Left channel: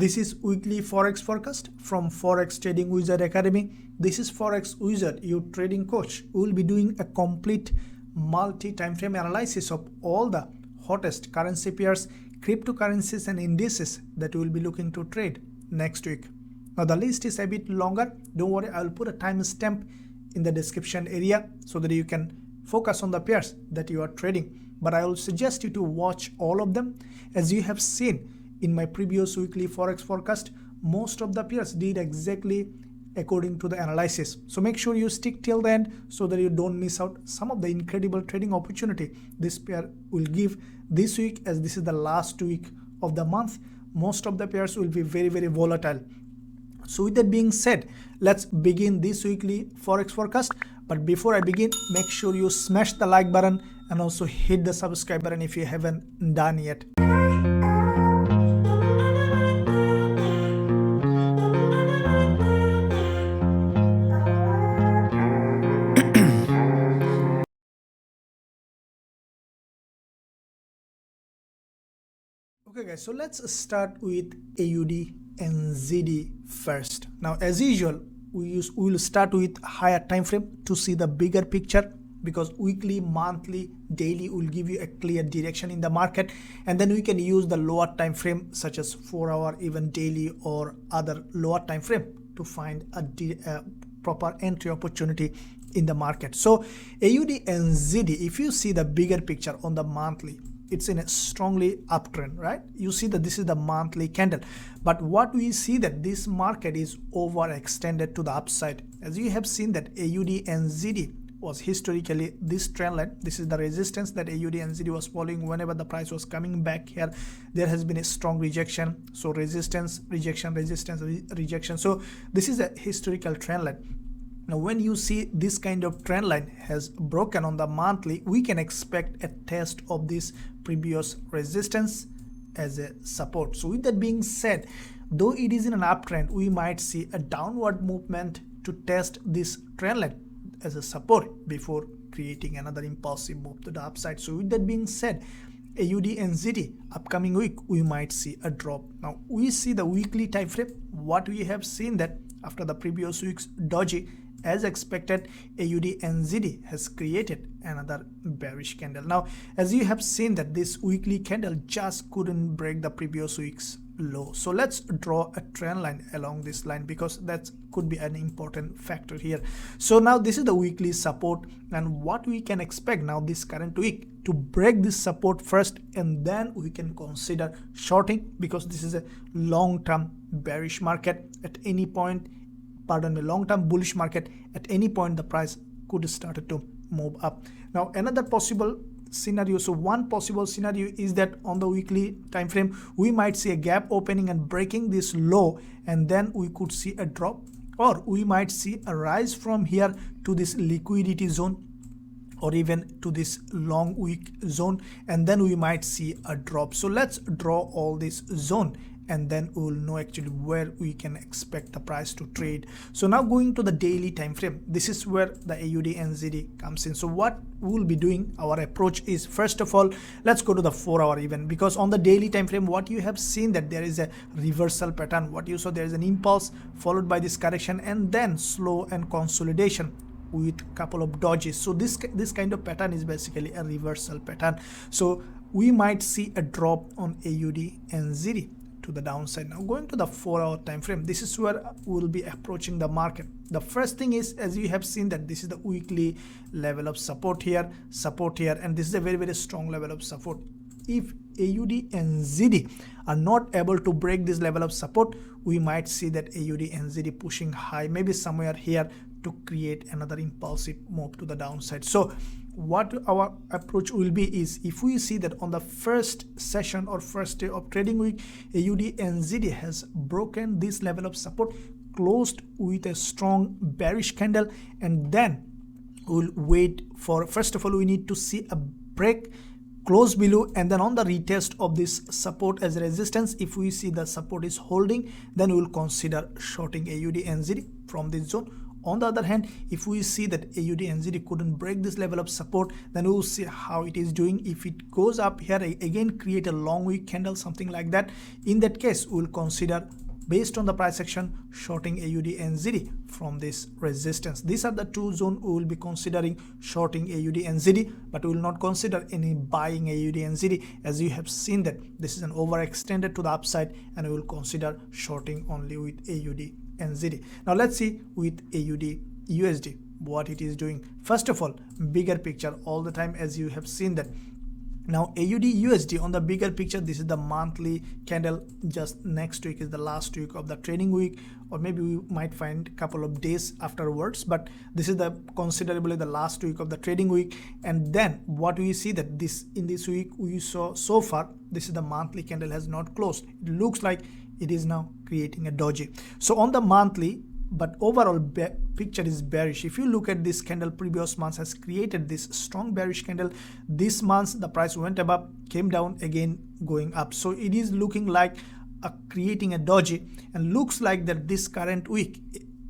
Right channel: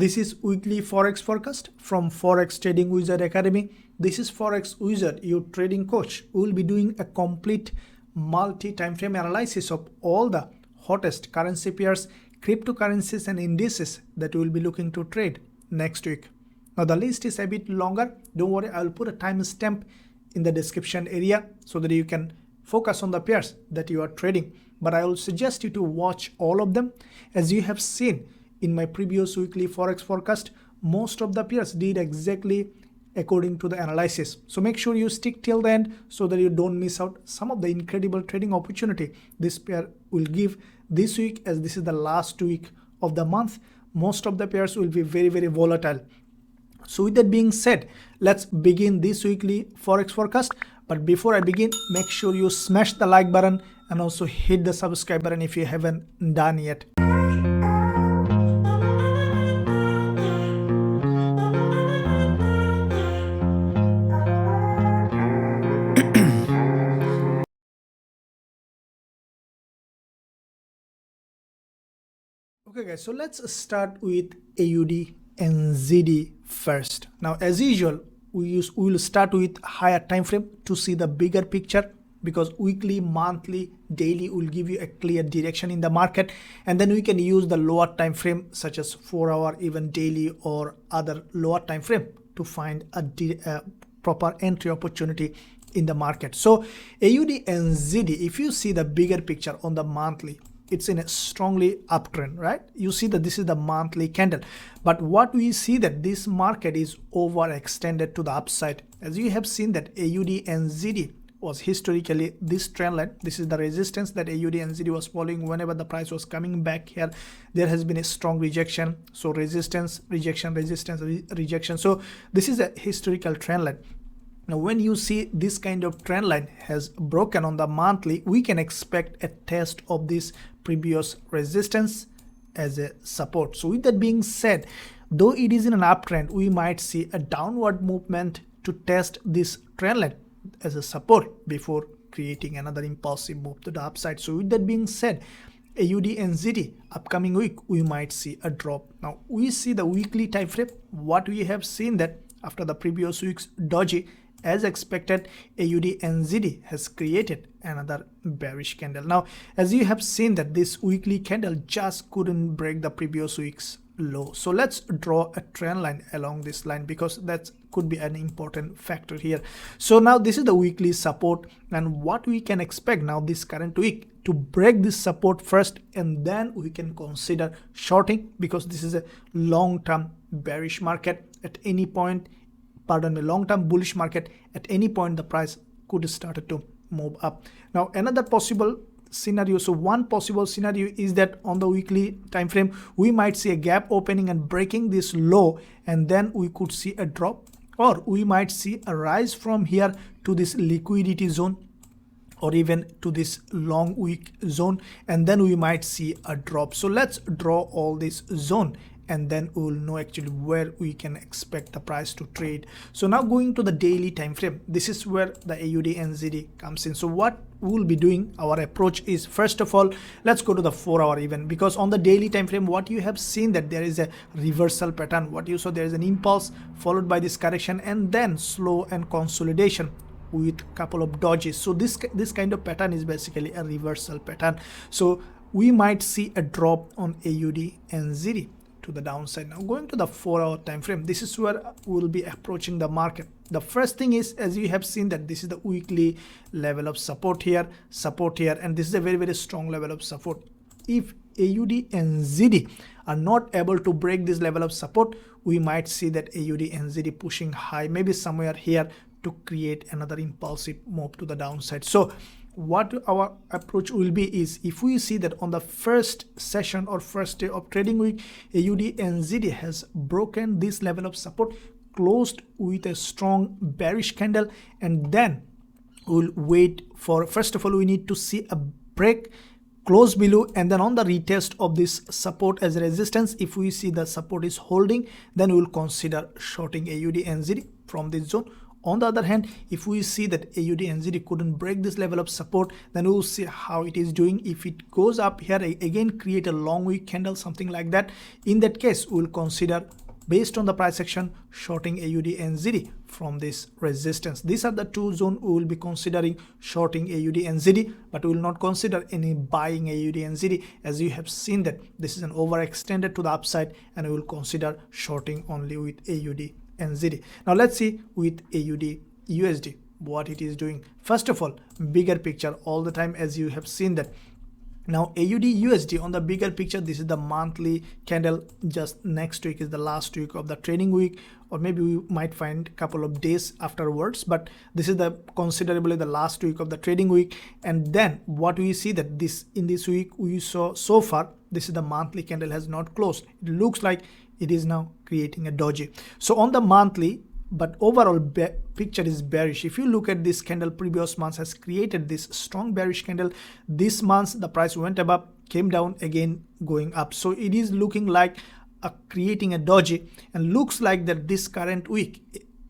This is weekly Forex forecast from Forex Trading Wizard Academy. This is Forex Wizard, your trading coach. We will be doing a complete multi-time frame analysis of all the hottest currency pairs, cryptocurrencies and indices that we will be looking to trade next week. Now the list is a bit longer. Don't worry, I will put a timestamp in the description area so that you can focus on the pairs that you are trading. But I will suggest you to watch all of them. As you have seen in my previous weekly Forex forecast, most of the pairs did exactly according to the analysis. So make sure you stick till the end so that you don't miss out some of the incredible trading opportunity this pair will give this week, as this is the last week of the month. Most of the pairs will be very volatile. So with that being said, let's begin this weekly Forex forecast. But before I begin, make sure you smash the like button and also hit the subscribe button if you haven't done yet. Okay guys, so let's start with AUDNZD first. Now as usual, we will start with higher time frame to see the bigger picture, because weekly, monthly, daily will give you a clear direction in the market, and then we can use the lower time frame such as 4 hour, even daily or other lower time frame to find a proper entry opportunity in the market. So AUDNZD, if you see the bigger picture on the monthly, it's in a strongly uptrend, right? You see that this is the monthly candle, but what we see that this market is overextended to the upside. As you have seen that AUDNZD was historically this trend line. This is the resistance that AUDNZD was following whenever the price was coming back here. There has been a strong rejection, so resistance, rejection, resistance, rejection. So this is a historical trend line. Now when you see this kind of trend line has broken on the monthly, we can expect a test of this previous resistance as a support. So with that being said, though it is in an uptrend, we might see a downward movement to test this trend line as a support before creating another impulsive move to the upside. So with that being said, AUDNZD upcoming week we might see a drop. Now we see the weekly time frame. What we have seen that after the previous week's doji, as expected, AUDNZD has created another bearish candle. Now as you have seen that this weekly candle just couldn't break the previous week's low. So let's draw a trend line along this line, because that could be an important factor here. So now this is the weekly support, and what we can expect now this current week to break this support first, and then we can consider shorting, because this is a long-term bearish market. At any point, pardon me, long-term bullish market, at any point the price could start to move up. Now another possible scenario, so one possible scenario is that on the weekly time frame we might see a gap opening and breaking this low, and then we could see a drop, or we might see a rise from here to this liquidity zone, or even to this long wick zone, and then we might see a drop. So let's draw all this zone, and then we will know actually where we can expect the price to trade. So now going to the daily time frame, this is where the AUDNZD comes in. So what we will be doing, our approach is, first of all, let's go to the 4 hour even, because on the daily time frame what you have seen that there is a reversal pattern. What you saw, there is an impulse followed by this correction and then slow and consolidation with a couple of dodges. So this kind of pattern is basically a reversal pattern. So we might see a drop on AUDNZD to the downside. Now going to the 4 hour time frame, this is where we will be approaching the market. The first thing is, as you have seen that this is the weekly level of support here, and this is a very strong level of support. If AUDNZD are not able to break this level of support, we might see that AUDNZD pushing high, maybe somewhere here, to create another impulsive move to the downside. So what our approach will be is, if we see that on the first session or first day of trading week AUDNZD has broken this level of support, closed with a strong bearish candle, and then we'll wait for, first of all we need to see a break, close below, and then on the retest of this support as a resistance, if we see the support is holding, then we will consider shorting AUDNZD from this zone, On the other hand, if we see that AUDNZD couldn't break this level of support, then we'll see how it is doing. If it goes up here again, create a long wick candle, something like that, in that case we'll consider, based on the price action, shorting AUDNZD from this resistance. These are the two zones we will be considering shorting AUDNZD, but we will not consider any buying AUDNZD, as you have seen that this is an overextended to the upside, and we will consider shorting only with AUDNZD. Now let's see with AUDUSD what it is doing. First of all, bigger picture all the time, as you have seen that. Now AUDUSD on the bigger picture, this is the monthly candle. Just next week is the last week of the trading week, or maybe we might find a couple of days afterwards, but this is the considerably the last week of the trading week. And then what we see that this in this week we saw so far, this is the monthly candle has not closed. It looks like it is now creating a doji. So on the monthly, but overall picture is bearish. If you look at this candle, previous months has created this strong bearish candle. This month the price went up, came down, again going up. So it is looking like creating a doji, and looks like that this current week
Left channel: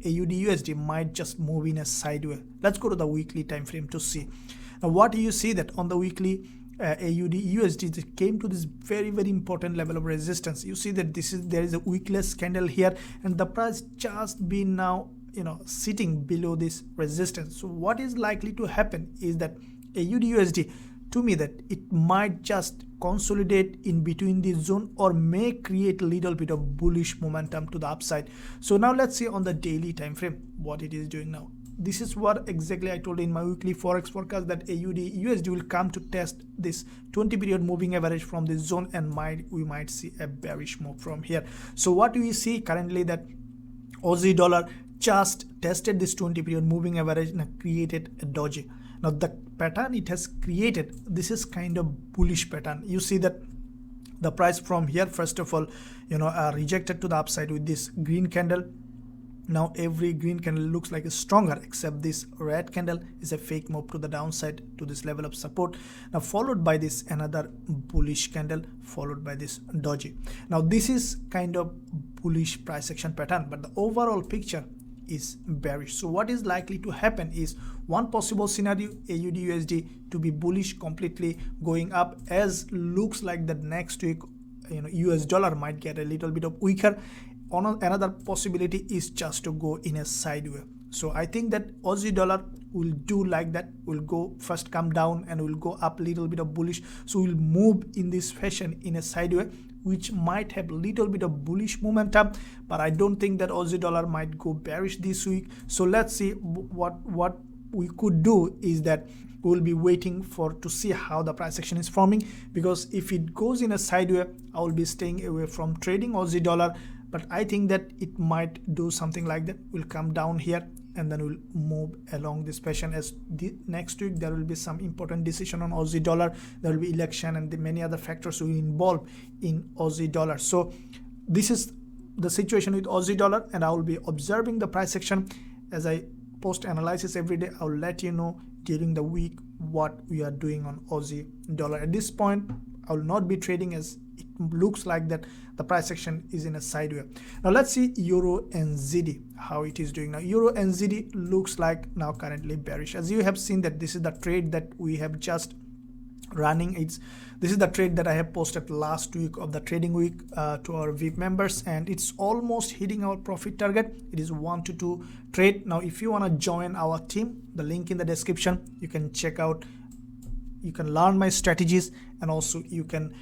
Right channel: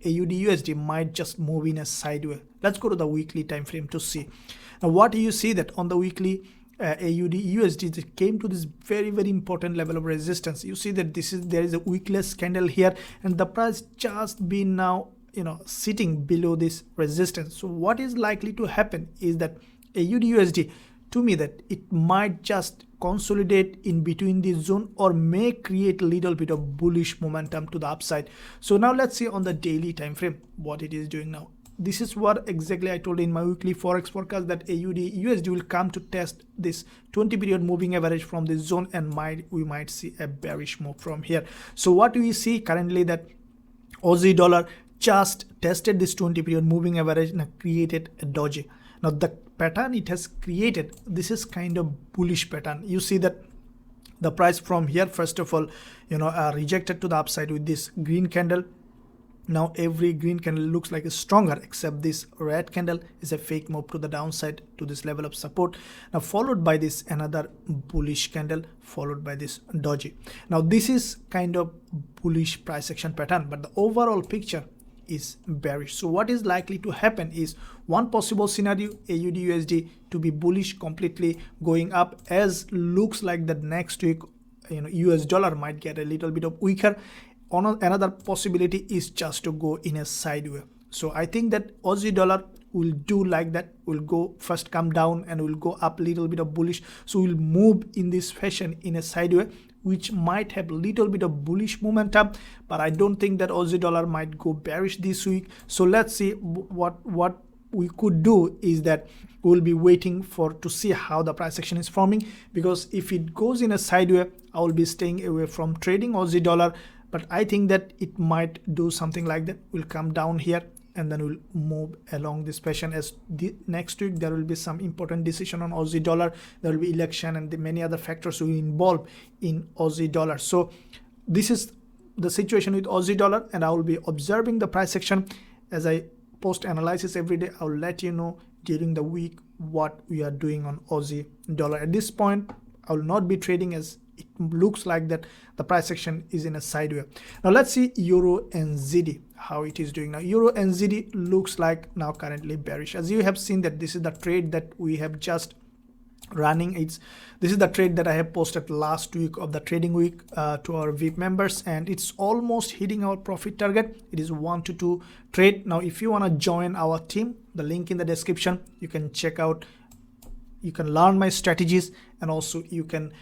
AUDUSD might just move in a sideways. Let's go to the weekly time frame to see. Now what do you see that on the weekly AUDUSD came to this very important level of resistance. You see that there is a wickless candle here, and the price just been now sitting below this resistance. So what is likely to happen is that AUDUSD, to me, that it might just consolidate in between this zone, or may create a little bit of bullish momentum to the upside. So now let's see on the daily time frame what it is doing now. This is what exactly I told in my weekly Forex forecast, that AUDUSD will come to test this 20 period moving average from this zone, and we might see a bearish move from here. So what we see currently that Aussie dollar just tested this 20 period moving average and created a doji. Now the pattern it has created, this is kind of bullish pattern. You see that the price from here, first of all, rejected to the upside with this green candle. Now every green candle looks like a stronger, except this red candle is a fake move to the downside to this level of support. Now followed by this another bullish candle, followed by this doji. Now this is kind of bullish price action pattern, but the overall picture is bearish. So what is likely to happen is, one possible scenario, AUDUSD to be bullish completely going up, as looks like that next week US dollar might get a little bit of weaker. Another possibility is just to go in a sideways. So I think that Aussie dollar will do like that, will go first come down and will go up little bit of bullish. So we'll move in this fashion in a sideways, which might have little bit of bullish momentum, but I don't think that Aussie dollar might go bearish this week. So let's say what we could do is that we will be waiting to see how the price action is forming, because if it goes in a sideways, I will be staying away from trading Aussie dollar. But I think that it might do something like that. We'll come down here and then we'll move along this fashion, as next week there will be some important decision on Aussie dollar. There will be election and many other factors will involve in Aussie dollar. So this is the situation with Aussie dollar, and I will be observing the price action as I post analysis every day. I'll let you know during the week what we are doing on Aussie dollar. At this point, I will not be trading, as it looks like that the price action is in a sideways. Now let's see EURUNZD, how it is doing now. EURUNZD looks like now currently bearish. As you have seen that this is the trade that we have just running. This is the trade that I have posted last week of the trading week to our VIP members, and it's almost hitting our profit target. It is 1 to 2 trade. Now if you want to join our team, the link in the description, you can check out, you can learn my strategies, and also you can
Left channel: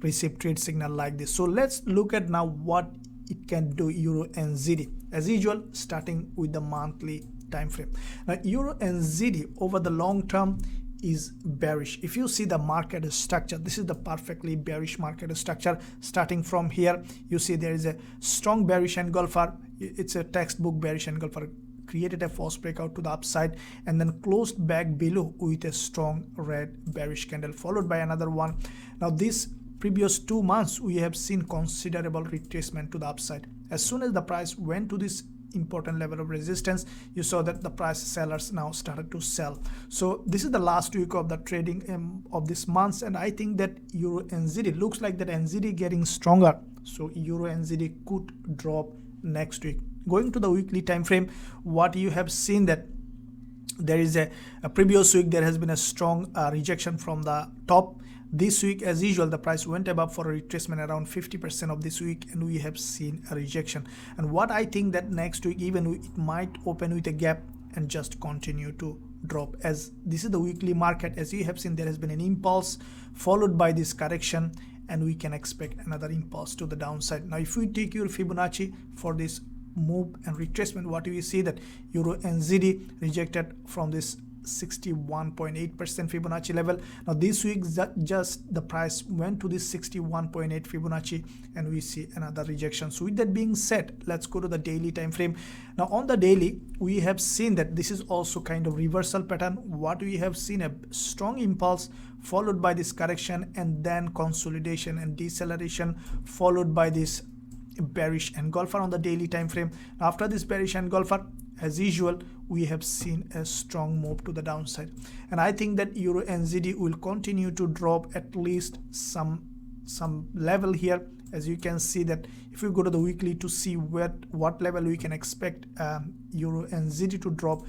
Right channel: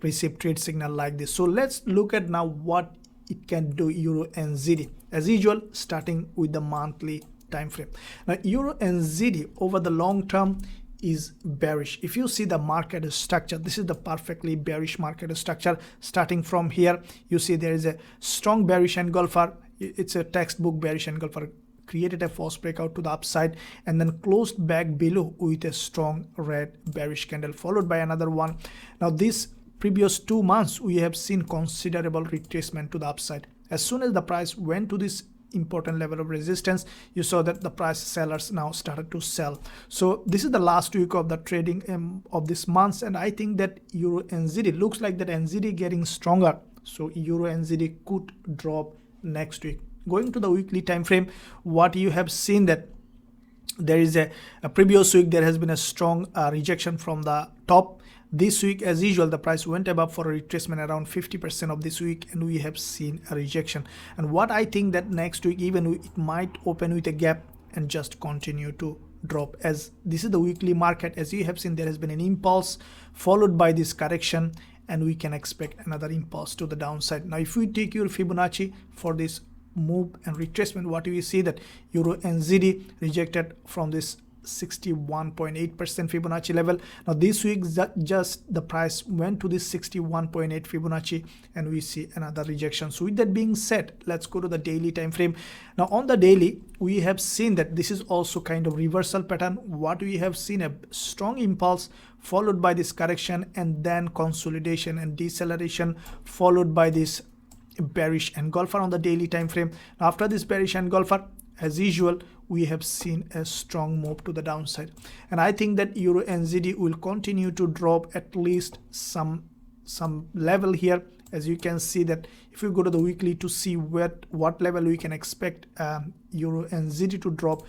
receive trade signal like this. So let's look at now what it can do, EURUNZD, as usual, starting with the monthly time frame. Now EURUNZD over the long term is bearish. If you see the market structure, this is the perfectly bearish market structure. Starting from here, you see there is a strong bearish engulfer. It's a textbook bearish engulfer, created a false breakout to the upside and then closed back below with a strong red bearish candle, followed by another one. Now this previous 2 months we have seen considerable retracement to the upside. As soon as the price went to this important level of resistance, you saw that the price sellers now started to sell. So this is the last week of the trading of this month, and I think that EURUNZD looks like that NZD getting stronger, so EURUNZD could drop next week. Going to the weekly time frame, what you have seen that there is a previous week there has been a strong rejection from the top. This week, as usual, the price went above for a retracement around 50% of this week, and we have seen a rejection. And what I think that next week even it might open with a gap and just continue to drop, as this is the weekly market. As you have seen, there has been an impulse followed by this correction, and we can expect another impulse to the downside. Now if we take your Fibonacci for this move and retracement, what do we see that EURUSD rejected from this 61.8% Fibonacci level. Now this week just the price went to this 61.8 Fibonacci, and we see another rejection. So with that being said, let's go to the daily time frame. Now on the daily, we have seen that this is also kind of reversal pattern. What we have seen, a strong impulse followed by this correction, and then consolidation and deceleration followed by this bearish engulfer on the daily time frame. Now after this bearish engulfer, as usual, we have seen a strong move to the downside, and I think that EURUSD will continue to drop at least some level here. As you can see that if we go to the weekly to see what level we can expect EURUSD to drop,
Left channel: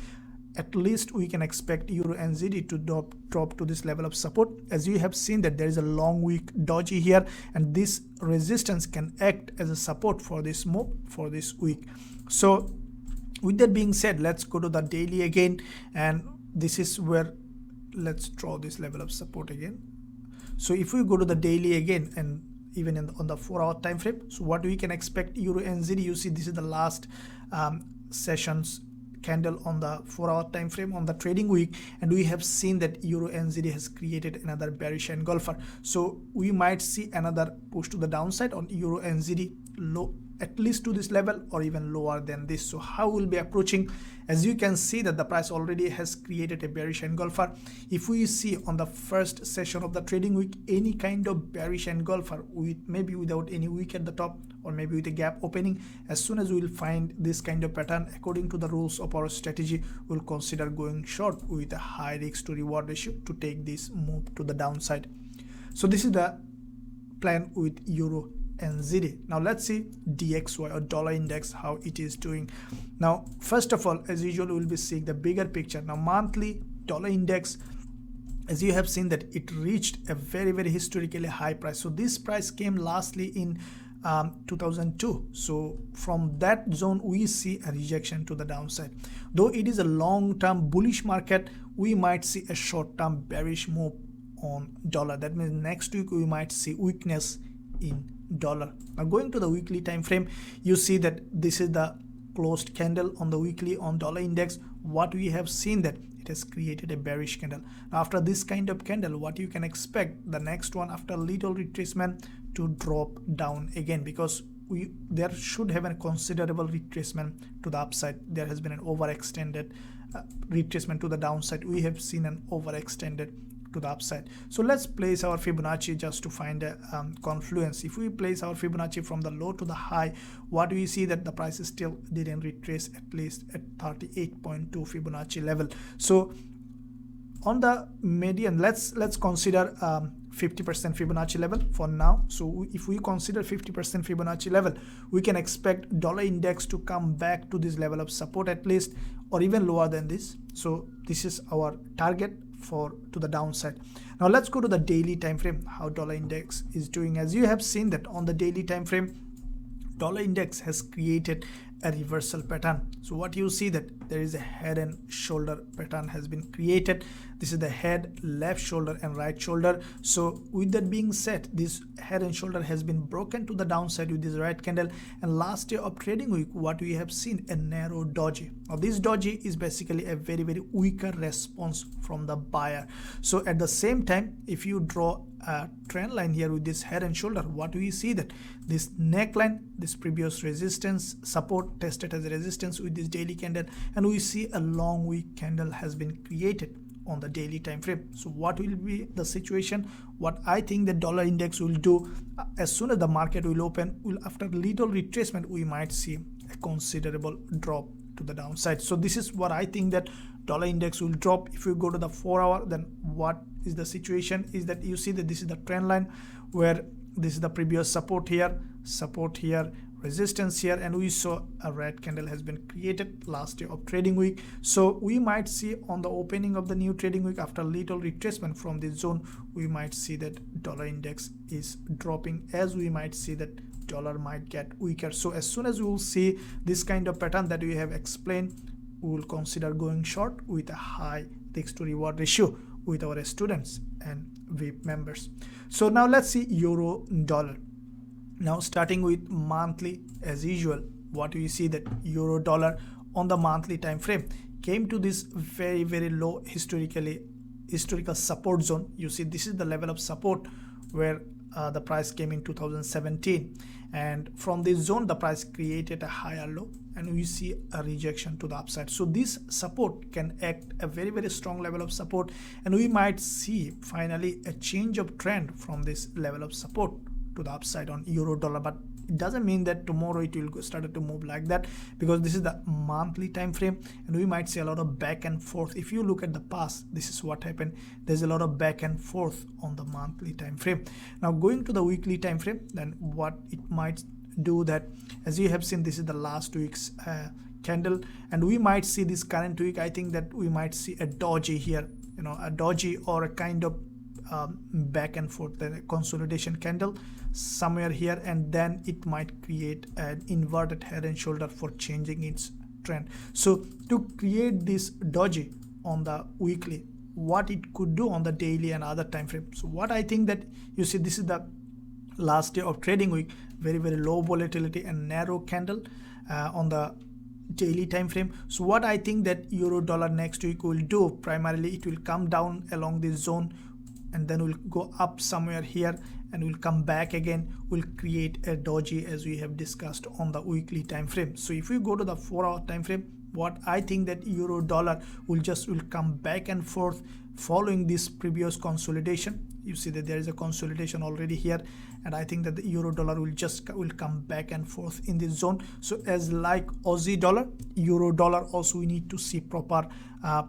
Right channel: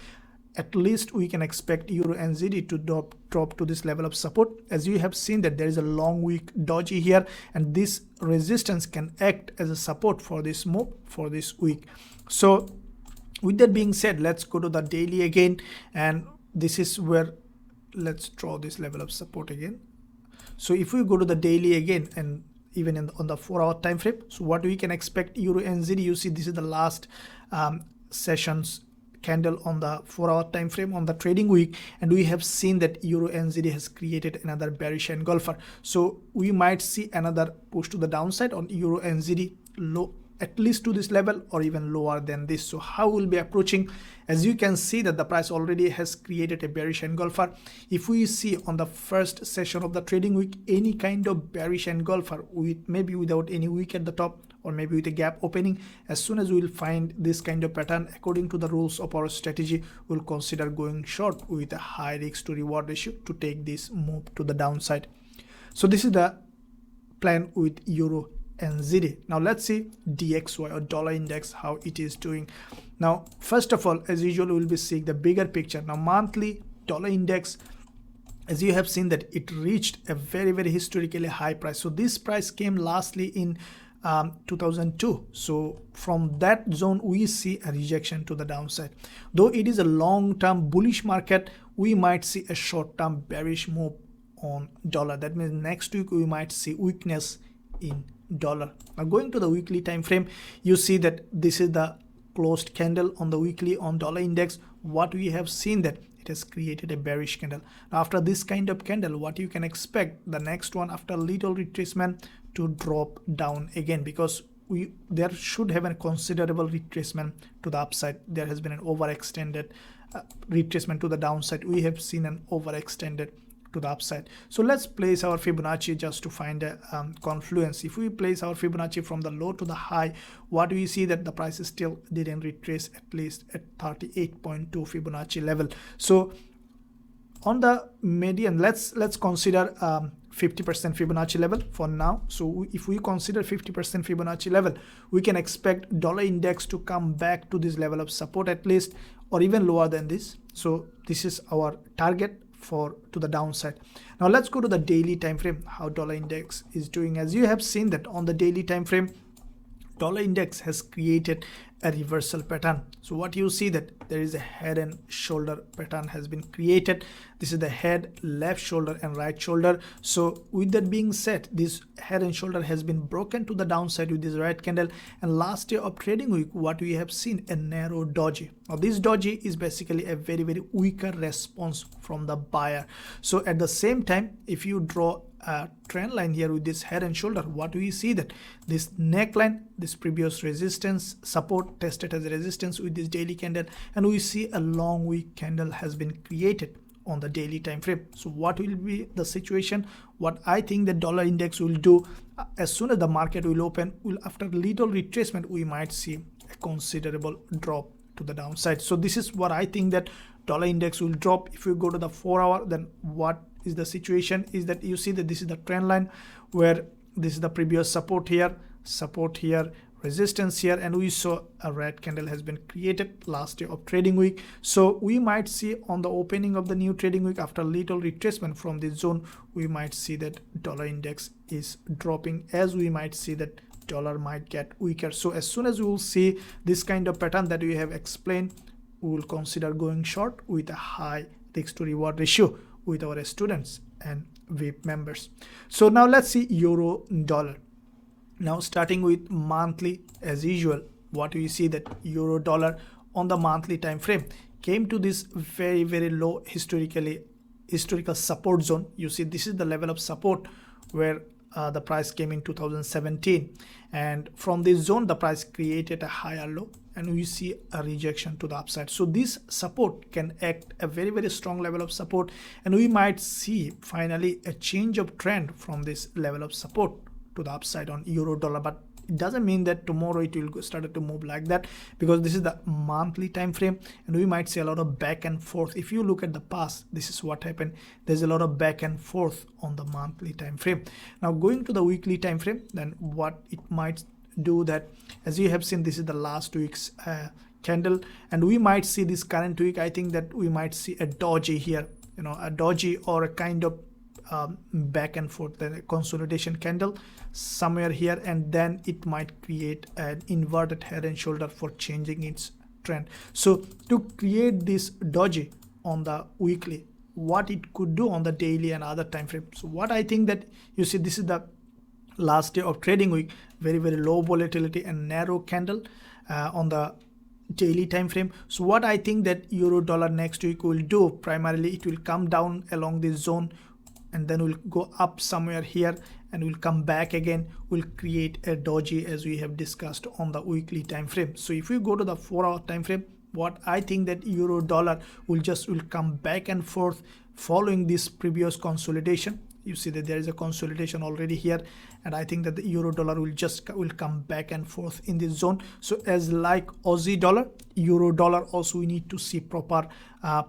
at least we can expect EURUSD to drop to this level of support. As you have seen that there is a long week doji here, and this resistance can act as a support for this move for this week. So with that being said, let's go to the daily again, and this is where let's draw this level of support again. So if we go to the daily again, and even on the 4-hour time frame, so what we can expect EURUSD, you see this is the last sessions candle on the 4-hour time frame on the trading week, and we have seen that EURUSD has created another bearish engulfer. So we might see another push to the downside on EURUSD, low at least to this level or even lower than this. So how we'll be approaching, as you can see that the price already has created a bearish engulfer. If we see on the first session of the trading week any kind of bearish engulfer, with maybe without any wick at the top or maybe with a gap opening, as soon as we'll find this kind of pattern, according to the rules of our strategy, we'll consider going short with a high risk to reward ratio to take this move to the downside. So this is the plan with EURUSD. Now let's see DXY or dollar index, how it is doing. Now first of all, as usual, we'll be seeing the bigger picture. Now monthly dollar index, as you have seen that it reached a very historically high price. So this price came lastly in 2002. So from that zone we see a rejection to the downside. Though it is a long-term bullish market, we might see a short-term bearish move on dollar. That means next week we might see weakness in dollar. Now going to the weekly time frame, you see that this is the closed candle on the weekly on dollar index. What we have seen that it has created a bearish candle. After this kind of candle, what you can expect, the next one after little retracement to drop down again, because there should have a considerable retracement to the upside. There has been an overextended retracement to the downside. We have seen an overextended to the upside. So let's place our Fibonacci just to find a confluence. If we place our Fibonacci from the low to the high, what we see that the price still didn't retrace at least at 38.2 Fibonacci level. So on the median, let's consider 50% Fibonacci level for now. So if we consider 50% Fibonacci level, we can expect dollar index to come back to this level of support at least, or even lower than this. So this is our target to the downside. Now let's go to the daily time frame, how dollar index is doing. As you have seen that on the daily time frame, dollar index has created a reversal pattern. So what you see that there is a head and shoulder pattern has been created. This is the head, left shoulder and right shoulder. So with that being said, this head and shoulder has been broken to the downside with this red candle, and last day of trading week what we have seen, a narrow doji. Now this doji is basically a very weaker response from the buyer. So at the same time, if you draw a trend line here with this head and shoulder, what we see that this neckline, this previous resistance support tested as resistance with this daily candle, and we see a long weak candle has been created on the daily time frame. So what will be the situation? What I think the dollar index will do, as soon as the market will open, after little retracement, we might see a considerable drop to the downside. So this is what I think that dollar index will drop. If you go to the 4-hour, then what is the situation is that you see that this is the trend line where this is the previous support here resistance here, and we saw a red candle has been created last day of trading week. So we might see on the opening of the new trading week, after little retracement from this zone, we might see that dollar index is dropping, as we might see that dollar might get weaker. So as soon as we will see this kind of pattern that we have explained, we will consider going short with a high risk to reward ratio with our students and VIP members. So now let's see euro dollar. Now starting with monthly, as usual, what we see that euro dollar on the monthly time frame came to this very low historical support zone. You see this is the level of support where the price came in 2017, and from this zone the price created a higher low, and we see a rejection to the upside. So this support can act a very strong level of support, and we might see finally a change of trend from this level of support to the upside on euro dollar. But it doesn't mean that tomorrow it will start to move like that, because this is the monthly time frame, and we might see a lot of back and forth. If you look at the past, this is what happened. There's a lot of back and forth on the monthly time frame. Now going to the weekly time frame, then what it might do, that as you have seen, this is the last week's candle, and we might see this current week. I think that we might see a doji here, a doji or a kind of back and forth, the consolidation candle somewhere here, and then it might create an inverted head and shoulder for changing its trend. So to create this doji on the weekly, what it could do on the daily and other time frame. So what I think that, you see, this is the last day of trading week, very low volatility and narrow candle on the daily time frame. So what I think that euro dollar next week will do, primarily it will come down along this zone, and then we'll go up somewhere here, and we'll come back again, we'll create a doji as we have discussed on the weekly time frame. So if we go to the 4-hour time frame, what I think that euro dollar will come back and forth following this previous consolidation. You see that there is a consolidation already here, and I think that the euro dollar will come back and forth in this zone. So as like Aussie dollar, euro dollar also we need to see proper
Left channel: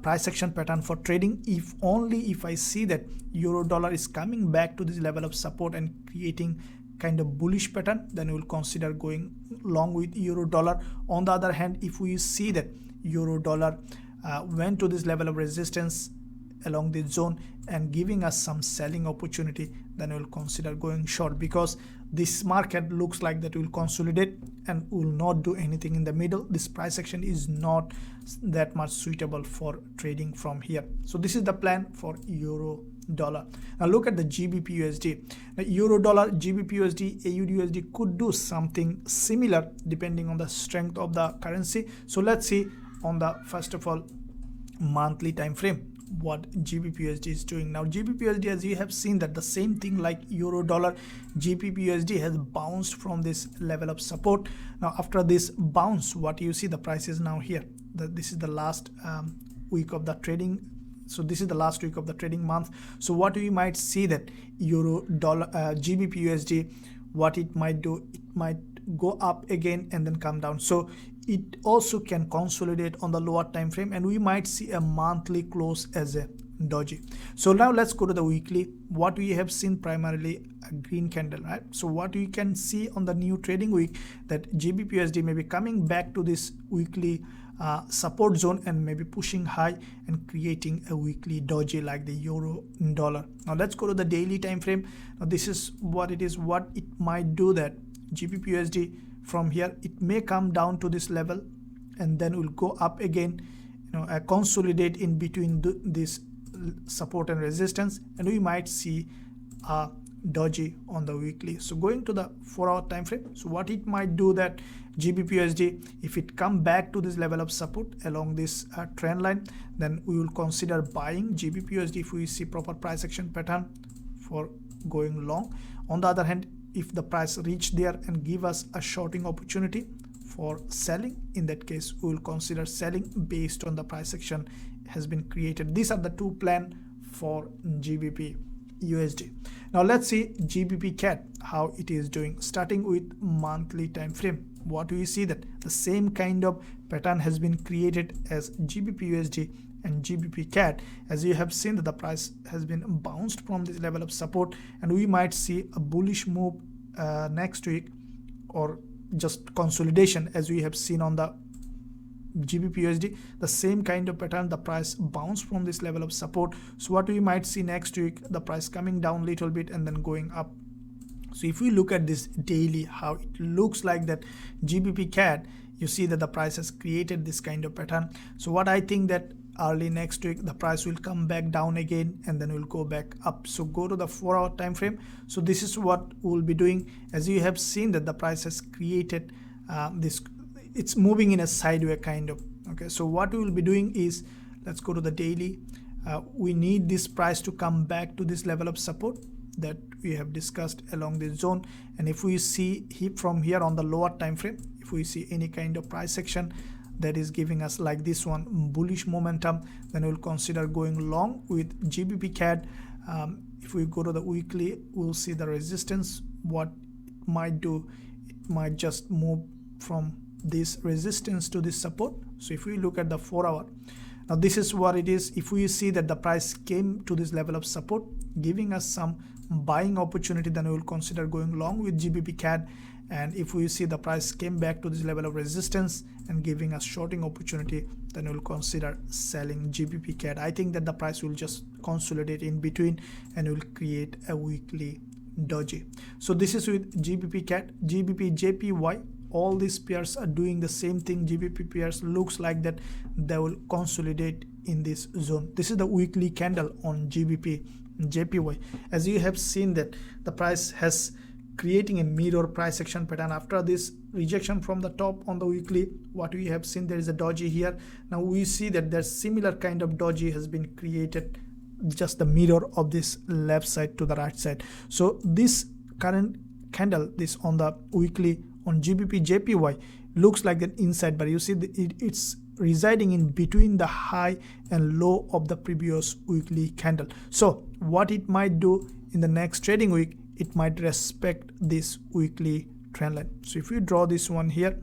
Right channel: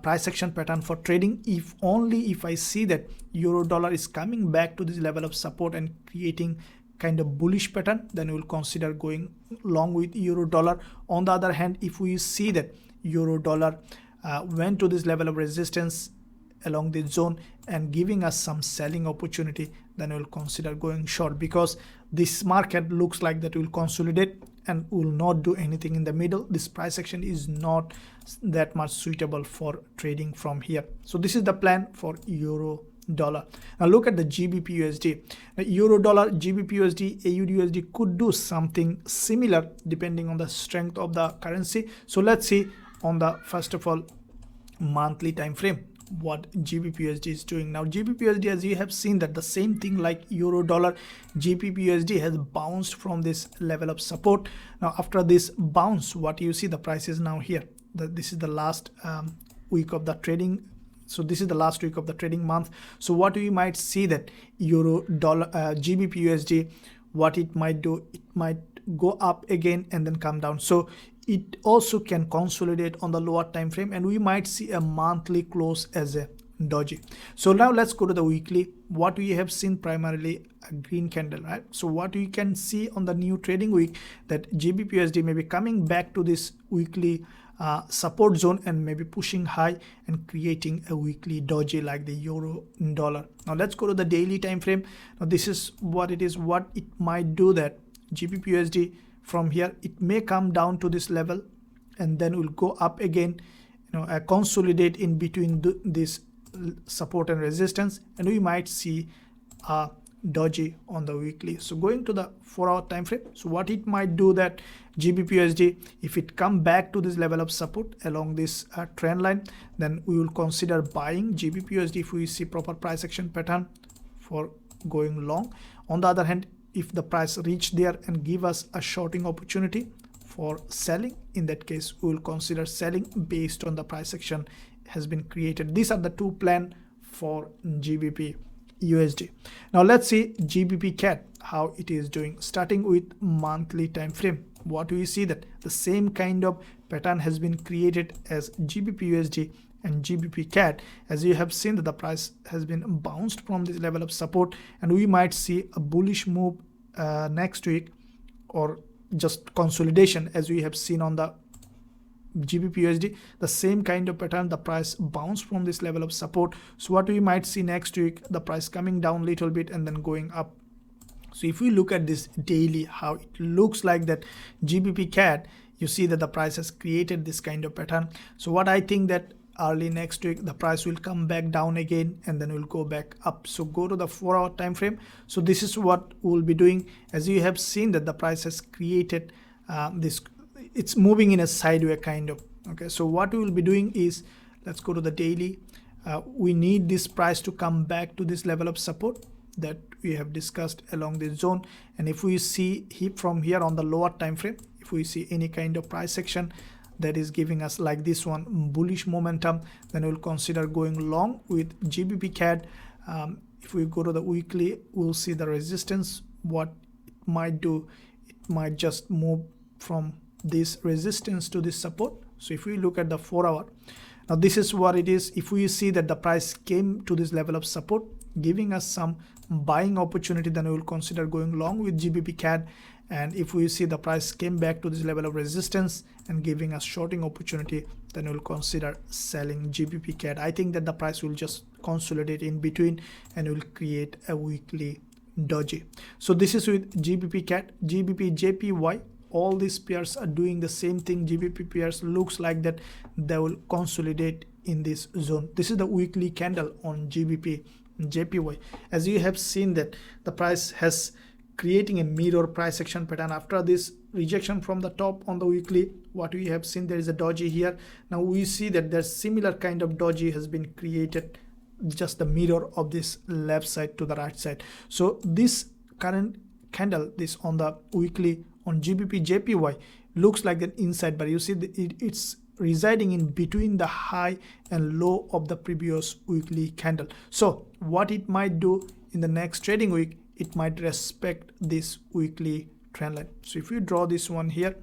price action pattern for trading. If I see that euro dollar is coming back to this level of support and creating kind of bullish pattern, then we will consider going long with euro dollar. On the other hand, if we see that euro dollar went to this level of resistance along this zone and giving us some selling opportunity, then we'll consider going short, because this market looks like that will consolidate and will not do anything in the middle. This price action is not that much suitable for trading from here. So this is the plan for euro dollar. Now look at the GBPUSD. Euro dollar, GBPUSD, AUDUSD could do something similar depending on the strength of the currency. So let's see on the, first of all, monthly time frame, what GBPUSD is doing. Now GBPUSD, as you have seen, that the same thing like euro dollar, GBPUSD has bounced from this level of support. Now after this bounce, what you see, the price is now here. This is the last week of the trading. So this is the last week of the trading month. So what we might see that euro dollar, GBPUSD, what it might do, it might go up again and then come down. So it also can consolidate on the lower time frame, and we might see a monthly close as a doji. So now let's go to the weekly. What we have seen, primarily a green candle, right? So what we can see on the new trading week, that GBPUSD may be coming back to this weekly support zone and maybe pushing high and creating a weekly doji like the euro dollar. Now let's go to the daily time frame. Now this is what it is. What it might do, that GBPUSD from here, it may come down to this level and then will go up again, consolidate in between this support and resistance, and we might see a doji on the weekly. So going to the 4-hour time frame, so what it might do, that GBPUSD, if it come back to this level of support along this trend line, then we will consider buying GBPUSD if we see proper price action pattern for going long. On the other hand, if the price reach there and give us a shorting opportunity for selling, in that case we will consider selling based on the price action has been created. These are the two plans for GBPUSD. Now let's see GBPCAD, how it is doing. Starting with monthly time frame, what we see, that the same kind of pattern has been created as GBPUSD and GBPCAD. As you have seen, that the price has been bounced from this level of support, and we might see a bullish move next week, or just consolidation as we have seen on the GBPUSD, the same kind of pattern. The price bounced from this level of support. So what we might see next week, the price coming down a little bit and then going up. So if we look at this daily, how it looks like that GBPCAD, you see that the price has created this kind of pattern. So what I think that early next week the price will come back down again and then will go back up. So go to the 4-hour time frame. So this is what we'll be doing. As you have seen that the price has created this, it's moving in a sideways kind of. Okay, so what we will be doing is, let's go to the daily. We need this price to come back to this level of support that we have discussed along this zone. And if we see from here on the lower time frame, if we see any kind of price action that is giving us like this one bullish momentum, then we'll consider going long with GBPCAD. If we go to the weekly, we'll see the resistance. What it might do, it might just move from this resistance to this support. So if we look at the 4-hour, now this is what it is. If we see that the price came to this level of support, giving us some buying opportunity, then I will consider going long with GBPCAD. And if we see the price came back to this level of resistance and giving us shorting opportunity, then we'll consider selling GBPCAD. I think that the price will just consolidate in between and will create a weekly doji. So this is with GBPCAD, GBPJPY. All these pairs are doing the same thing. GBP pairs looks like that they will consolidate in this zone. This is the weekly candle on GBPJPY. As you have seen that the price has creating a mirror price action pattern after this rejection from the top on the weekly. What we have seen, there is a doji here. Now we see that there's similar kind of doji has been created, just the mirror of this left side to the right side. So this current candle, this on the weekly on GBPJPY, looks like an inside, but you see it's residing in between the high and low of the previous weekly candle. So what it might do in the next trading week, it might respect this weekly trend line. So if you draw this one here,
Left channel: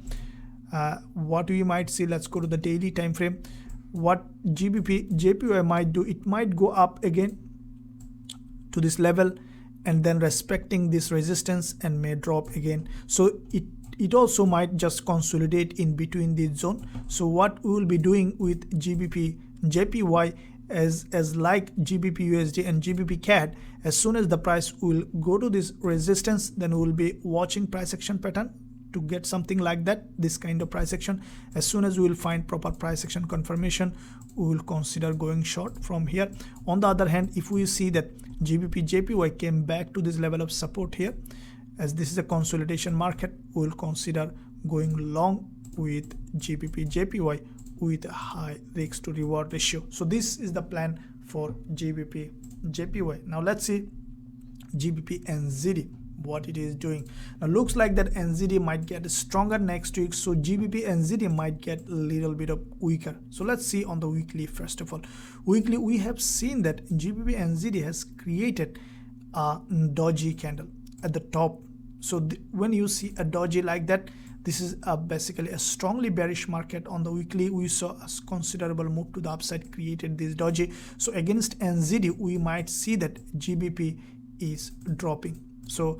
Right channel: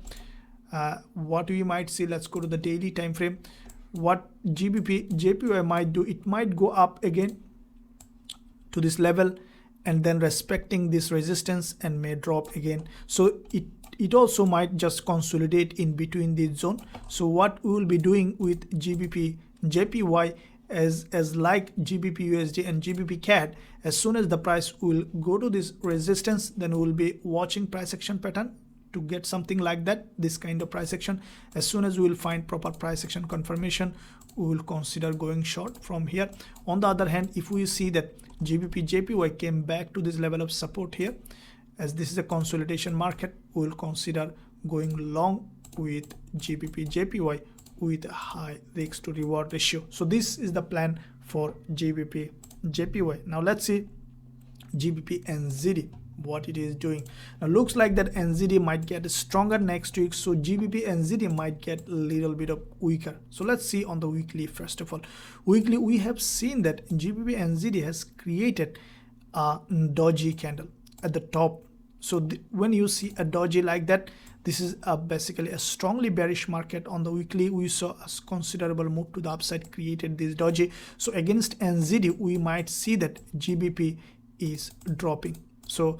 what we might see, let's go to the daily time frame. What GBPJPY might do, it might go up again to this level and then respecting this resistance and may drop again. So it also might just consolidate in between this zone. So what we will be doing with GBPJPY as like GBPUSD and GBPCAD, as soon as the price will go to this resistance, then we will be watching price action pattern to get something like that, this kind of price action. As soon as we will find proper price action confirmation, we will consider going short from here. On the other hand, if we see that GBPJPY came back to this level of support here, as this is a consolidation market, we will consider going long with GBPJPY with a high risk to reward ratio. So this is the plan for GBPJPY. Now let's see GBPNZD, what it is doing. Now looks like that NZD might get stronger next week, so GBPNZD might get a little bit of weaker. So let's see on the weekly. First of all, weekly, we have seen that GBPNZD has created a doji candle at the top. So when you see a doji like that, this is basically a strongly bearish market. On the weekly, we saw a considerable move to the upside, created this doji. So against NZD, we might see that GBP is dropping. So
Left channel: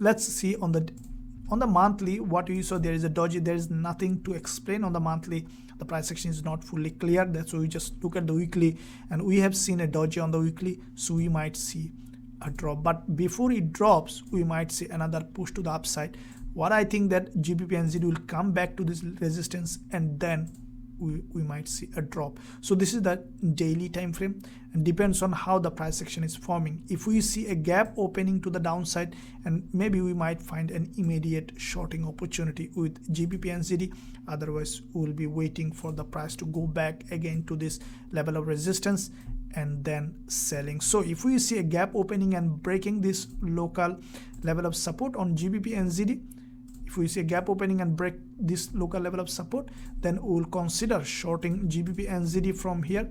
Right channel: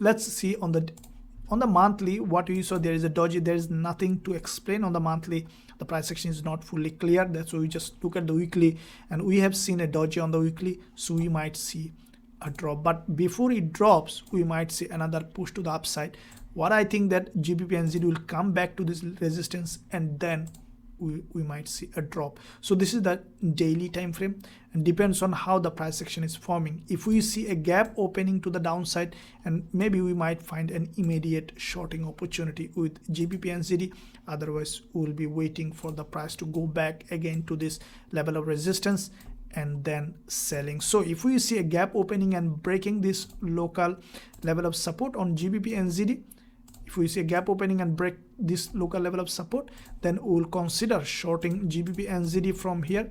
let's see on the monthly what we saw. There is a doji. There is nothing to explain on the monthly. The price action is not fully clear. That's why we just look at the weekly, and we have seen a doji on the weekly. So we might see a drop, but before it drops, we might see another push to the upside. What I think that GBPNZD will come back to this resistance and then we might see a drop. So this is that daily time frame, and depends on how the price action is forming. If we see a gap opening to the downside, and maybe we might find an immediate shorting opportunity with GBPNZD. Otherwise, we will be waiting for the price to go back again to this level of resistance and then selling. So if we see a gap opening and breaking this local level of support on GBPNZD, if we see a gap opening and break this local level of support, then we will consider shorting GBPNZD from here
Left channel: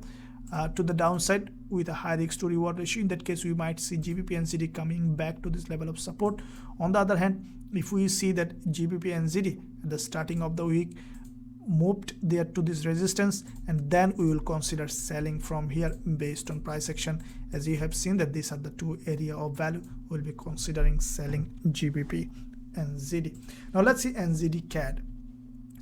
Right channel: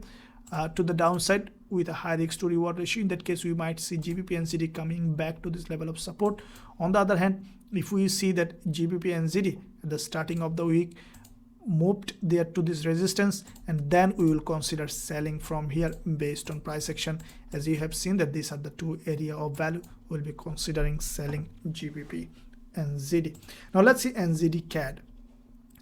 to the downside with a high risk to reward ratio. In that case, we might see GBPNZD coming back to this level of support. On the other hand, if we see that GBPNZD at the starting of the week moved there to this resistance, and then we will consider selling from here based on price action. As you have seen that these are the two area of value, we'll be considering selling GBPNZD. NZD. Now let's see NZDCAD.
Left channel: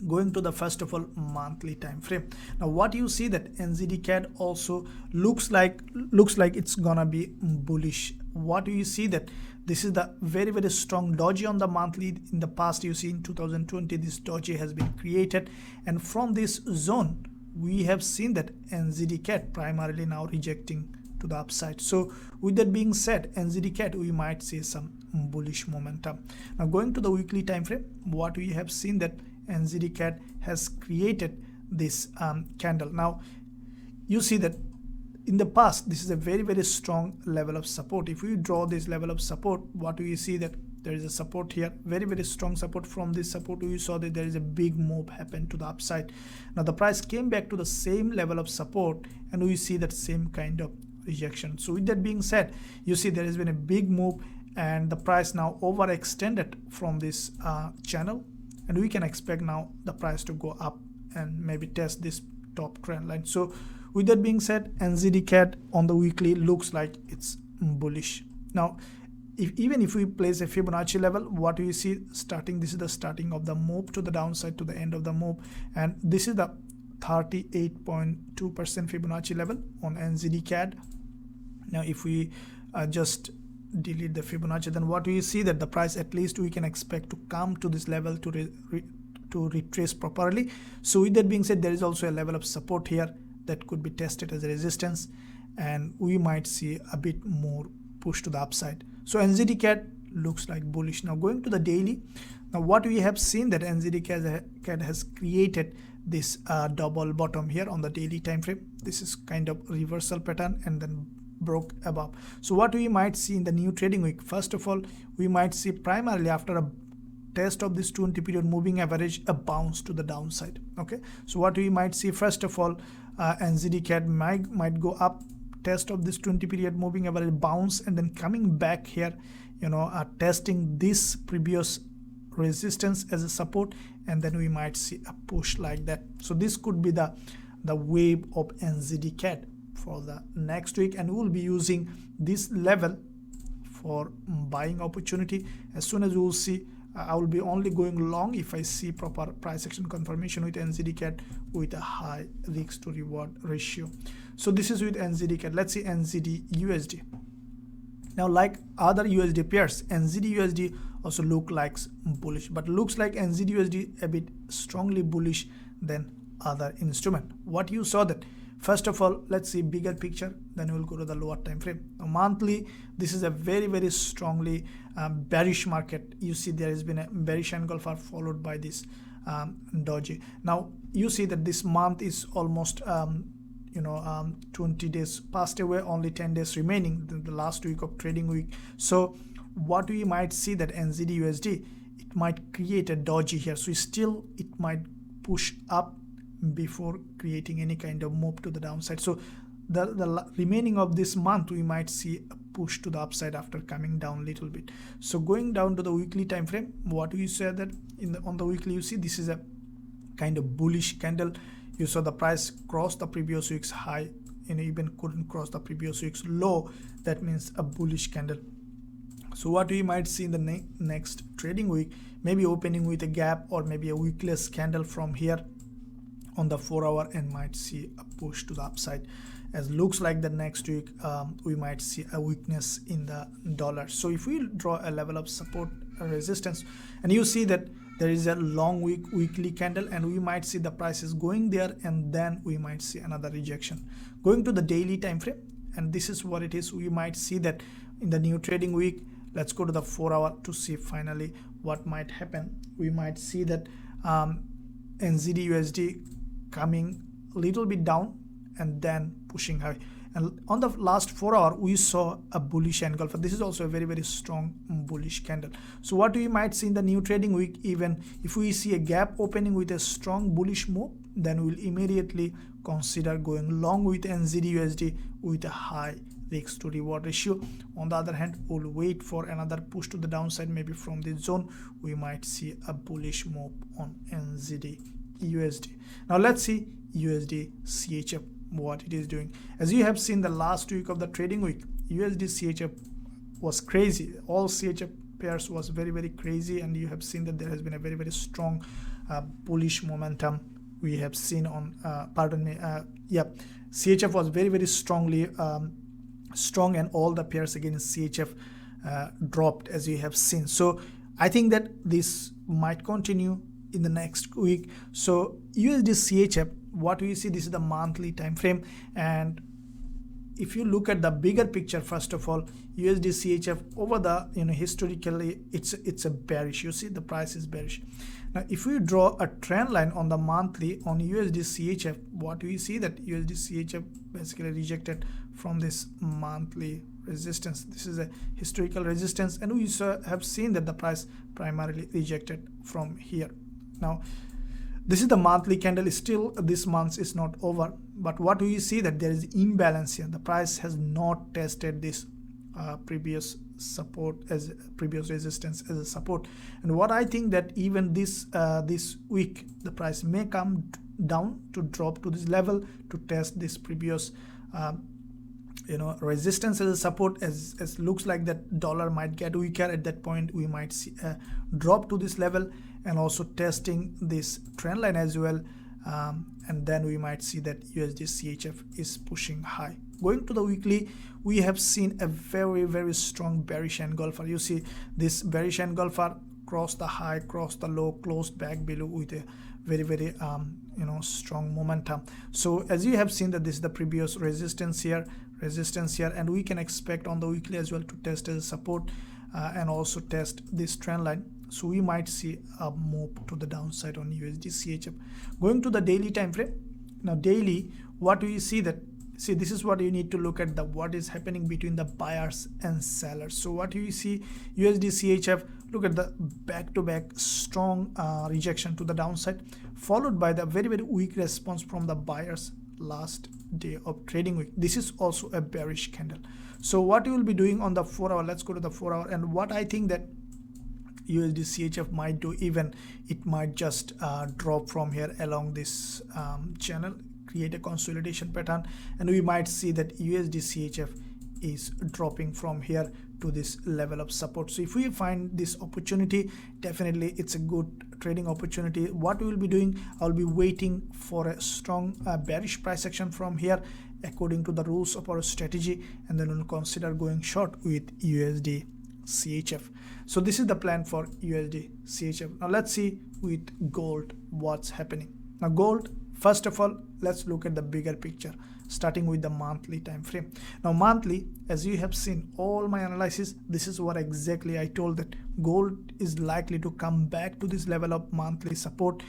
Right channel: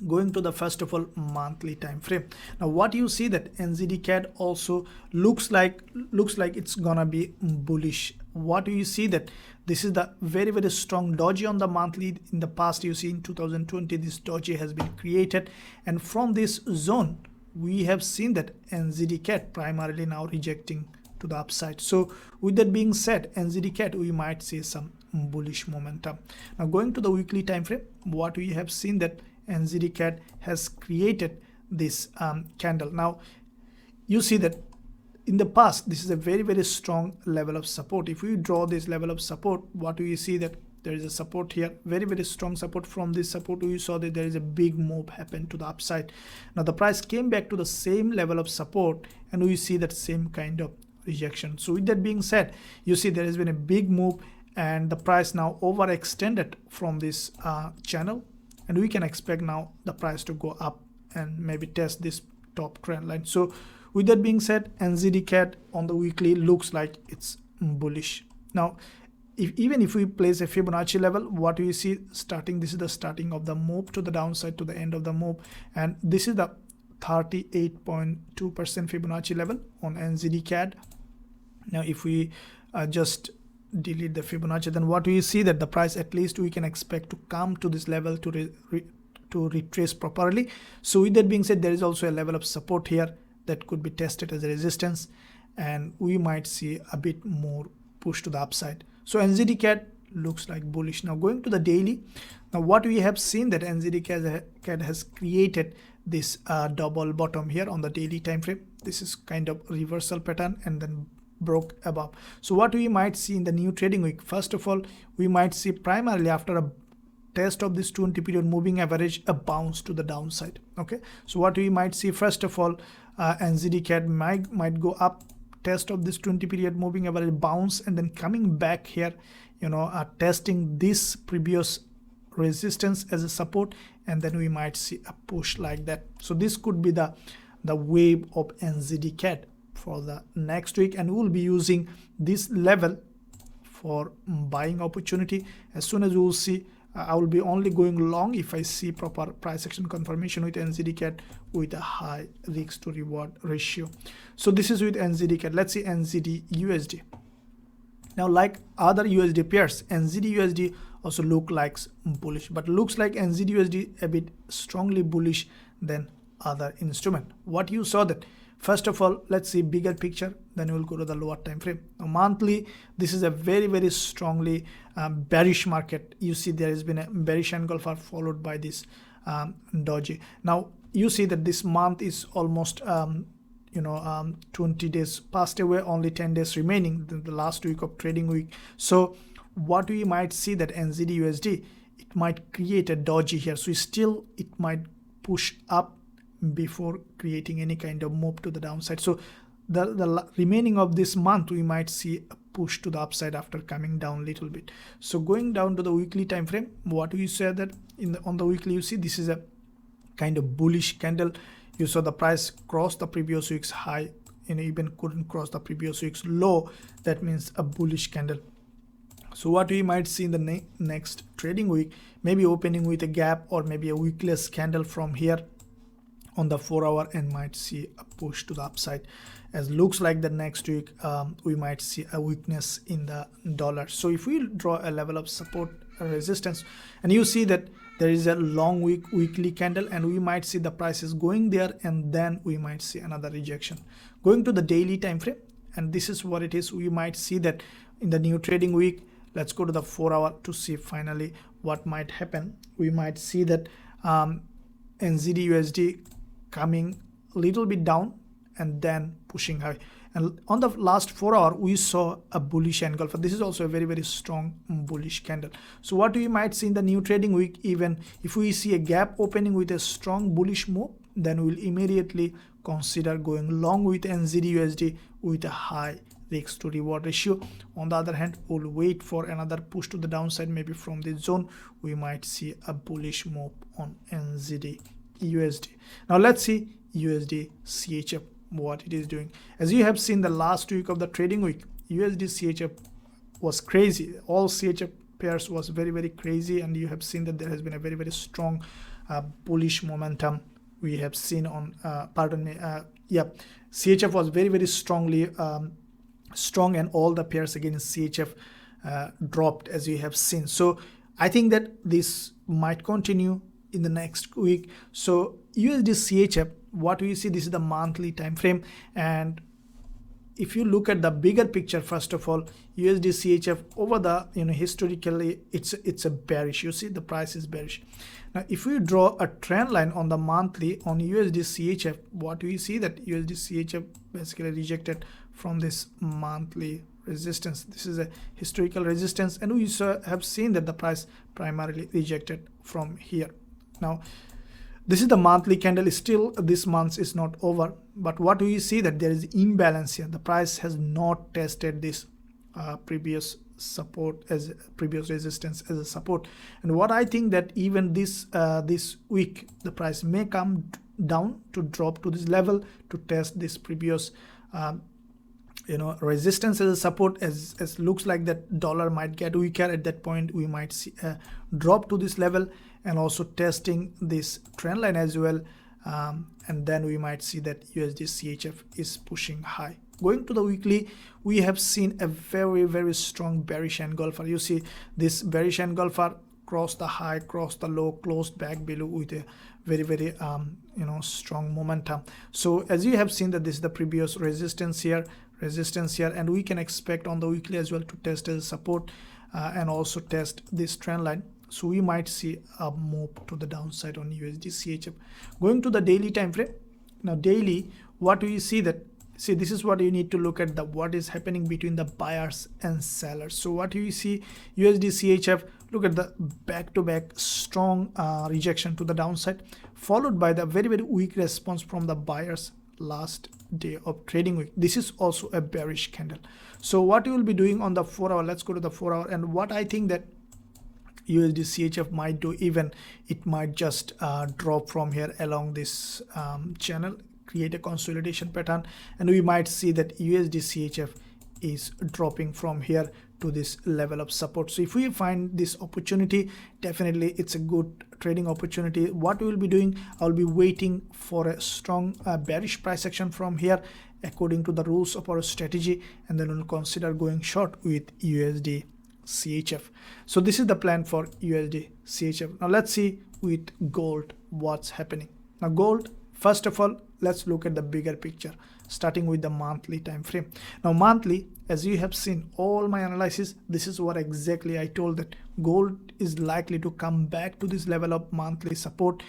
Going to the first of all monthly time frame. Now what you see that NZDCAD also looks like it's gonna be bullish. What you see that this is the very strong doji on the monthly. In the past, you see in 2020 this doji has been created, and from this zone we have seen that NZDCAD primarily now rejecting to the upside. So with that being said, NZDCAD we might see some bullish momentum. Now going to the weekly time frame, what we have seen that NZDCAD has created this candle. Now you see that in the past this is a very strong level of support. If we draw this level of support, what do you see that there is a support here, very strong support. From this support we saw that there is a big move happen to the upside. Now the price came back to the same level of support and we see that same kind of rejection. So with that being said, you see there has been a big move and the price now overextended from this channel, and we can expect now the price to go up and maybe test this top trend line. So with that being said, NZDCAD on the weekly looks like it's bullish. Now even if we place a Fibonacci level, what we see starting, this is the starting of the move to the downside to the end of the move, and this is the 38.2% Fibonacci level on NZDCAD. Now if we just delete the Fibonacci, then what we see that the price at least we can expect to come to this level to retrace properly. So with that being said, there is also a level of support here that could be tested as a resistance, and we might see a bit more push to the upside. So NZDCAD looks like bullish. Now going to the daily, now what we have seen that NZDCAD has created this double bottom here on the daily time frame. This is kind of reversal pattern and then broke above. So what we might see in the new trading week, first of all we might see primarily after a test of this 20 period moving average a bounce to the downside. Okay, so what we might see, first of all NZDCAD might go up, test of this 20 period moving average, bounce, and then coming back here, testing this previous resistance as a support, and then we might see a push like that. So this could be the wave of NZDCAD for the next week, and we will be using this level for buying opportunity. As soon as we will see, I will be only going long if I see proper price action confirmation with NZDCAD with a high risk to reward ratio. So this is with NZDCAD. Let's see NZDUSD. Now like other USD pairs, NZDUSD also look like bullish, but looks like NZDUSD a bit strongly bullish than other instrument. What you saw that, first of all, let's see bigger picture, then we'll go to the lower time frame. Monthly, this is a very strongly bearish market. You see there has been a bearish engulfer followed by this doji. Now you see that this month is almost 20 days passed away, only 10 days remaining in the last week of trading week. So what we might see that NZDUSD, it might create a doji here, so still it might push up before creating any kind of move to the downside. So the remaining of this month we might see a push to the upside after coming down a little bit. So going down to the weekly time frame, what we say that on the weekly, you see this is a kind of bullish candle. You saw the price cross the previous week's high and even couldn't cross the previous week's low. That means a bullish candle. So what we might see in the next trading week, maybe opening with a gap or maybe a wickless candle from here on the 4 hour, and might see a push to the upside. As looks like the next week we might see a weakness in the dollar. So if we draw a level of support and resistance, and you see that there is a long weekly candle, and we might see the prices going there, and then we might see another rejection. Going to the daily time frame, and this is what it is. We might see that in the new trading week, let's go to the 4 hour to see finally what might happen. We might see that NZDUSD coming a little bit down and then pushing high, and on the last 4 hour we saw a bullish engulfer. This is also a very strong bullish candle. So what we might see in the new trading week, even if we see a gap opening with a strong bullish move, then we'll immediately consider going long with NZDUSD with a high risk to reward ratio. On the other hand, we'll wait for another push to the downside. Maybe from this zone we might see a bullish move on NZDUSD. Now let's see USDCHF, what it is doing. As you have seen the last week of the trading week, USDCHF was crazy. All CHF pairs was very crazy, and you have seen that there has been a very strong bullish momentum we have seen on CHF was very strongly strong, and all the pairs against CHF dropped, as you have seen. So I think that this might continue in the next week. So USDCHF, what we see, this is the monthly time frame, and if you look at the bigger picture, first of all, USDCHF over the historically it's a bearish. You see the price is bearish. Now if we draw a trend line on the monthly on USDCHF, what we see that USDCHF basically rejected from this monthly resistance. This is a historical resistance, and we have seen that the price primarily rejected from here. Now this is the monthly candle. Still this month is not over, but what we see that there is imbalance here. The price has not tested this previous support as previous resistance as a support, and what I think that even this this week the price may come down to drop to this level to test this previous resistance as a support, as looks like that dollar might get weaker. At that point we might see a drop to this level, and also testing this trend line as well, and then we might see that USDCHF is pushing high. Going to the weekly, we have seen a very strong bearish engulfer. You see this bearish engulfer crossed the high, crossed the low, closed back below with a very strong momentum. So as you have seen that this is the previous resistance here, and we can expect on the weekly as well to test as support and also test this trend line. So we might see a move to the downside on USDCHF. Going to the daily time frame. Now daily, what do you see that? See, this is what you need to look at, the what is happening between the buyers and sellers. So what you see, USDCHF, look at the back-to-back strong rejection to the downside, followed by the very weak response from the buyers last day of trading week. This is also a bearish candle. So what you will be doing on the 4 hour, let's go to the 4 hour, and what I think that USDCHF might do, even it might just drop from here along this channel, create a consolidation pattern, and we might see that USDCHF is dropping from here to this level of support. So if we find this opportunity, definitely it's a good trading opportunity. What we will be doing, I'll be waiting for a strong bearish price action from here according to the rules of our strategy, and then we'll consider going short with USDCHF. So this is the plan for USDCHF. Now let's see with gold what's happening. Now gold, first of all, let's look at the bigger picture, starting with the monthly time frame. Now monthly, as you have seen all my analysis, this is what exactly I told, that gold is likely to come back to this level of monthly support,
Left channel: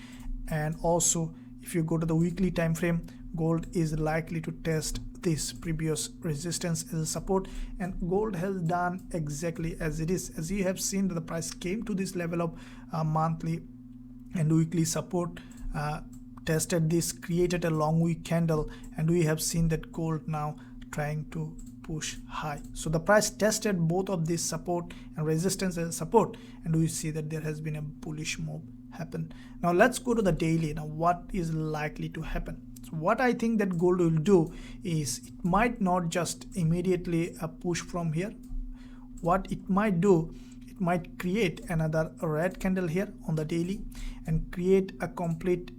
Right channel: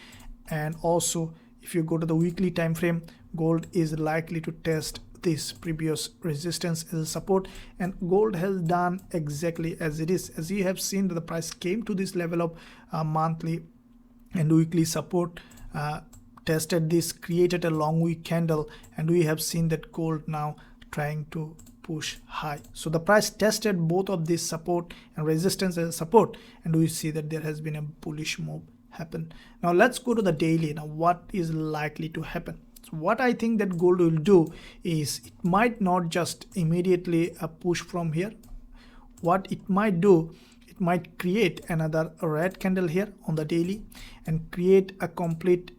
and also if you go to the weekly time frame, gold is likely to test this previous resistance as a support, and gold has done exactly as it is. As you have seen that the price came to this level of monthly and weekly support, tested this, created a long wick candle, and we have seen that gold now trying to push high. So the price tested both of this support and resistance as a support, and we see that there has been a bullish move happen. Now let's go to the daily. Now what is likely to happen? So what I think that gold will do is it might not just immediately push from here. What it might do, it might create another red candle here on the daily and create a complete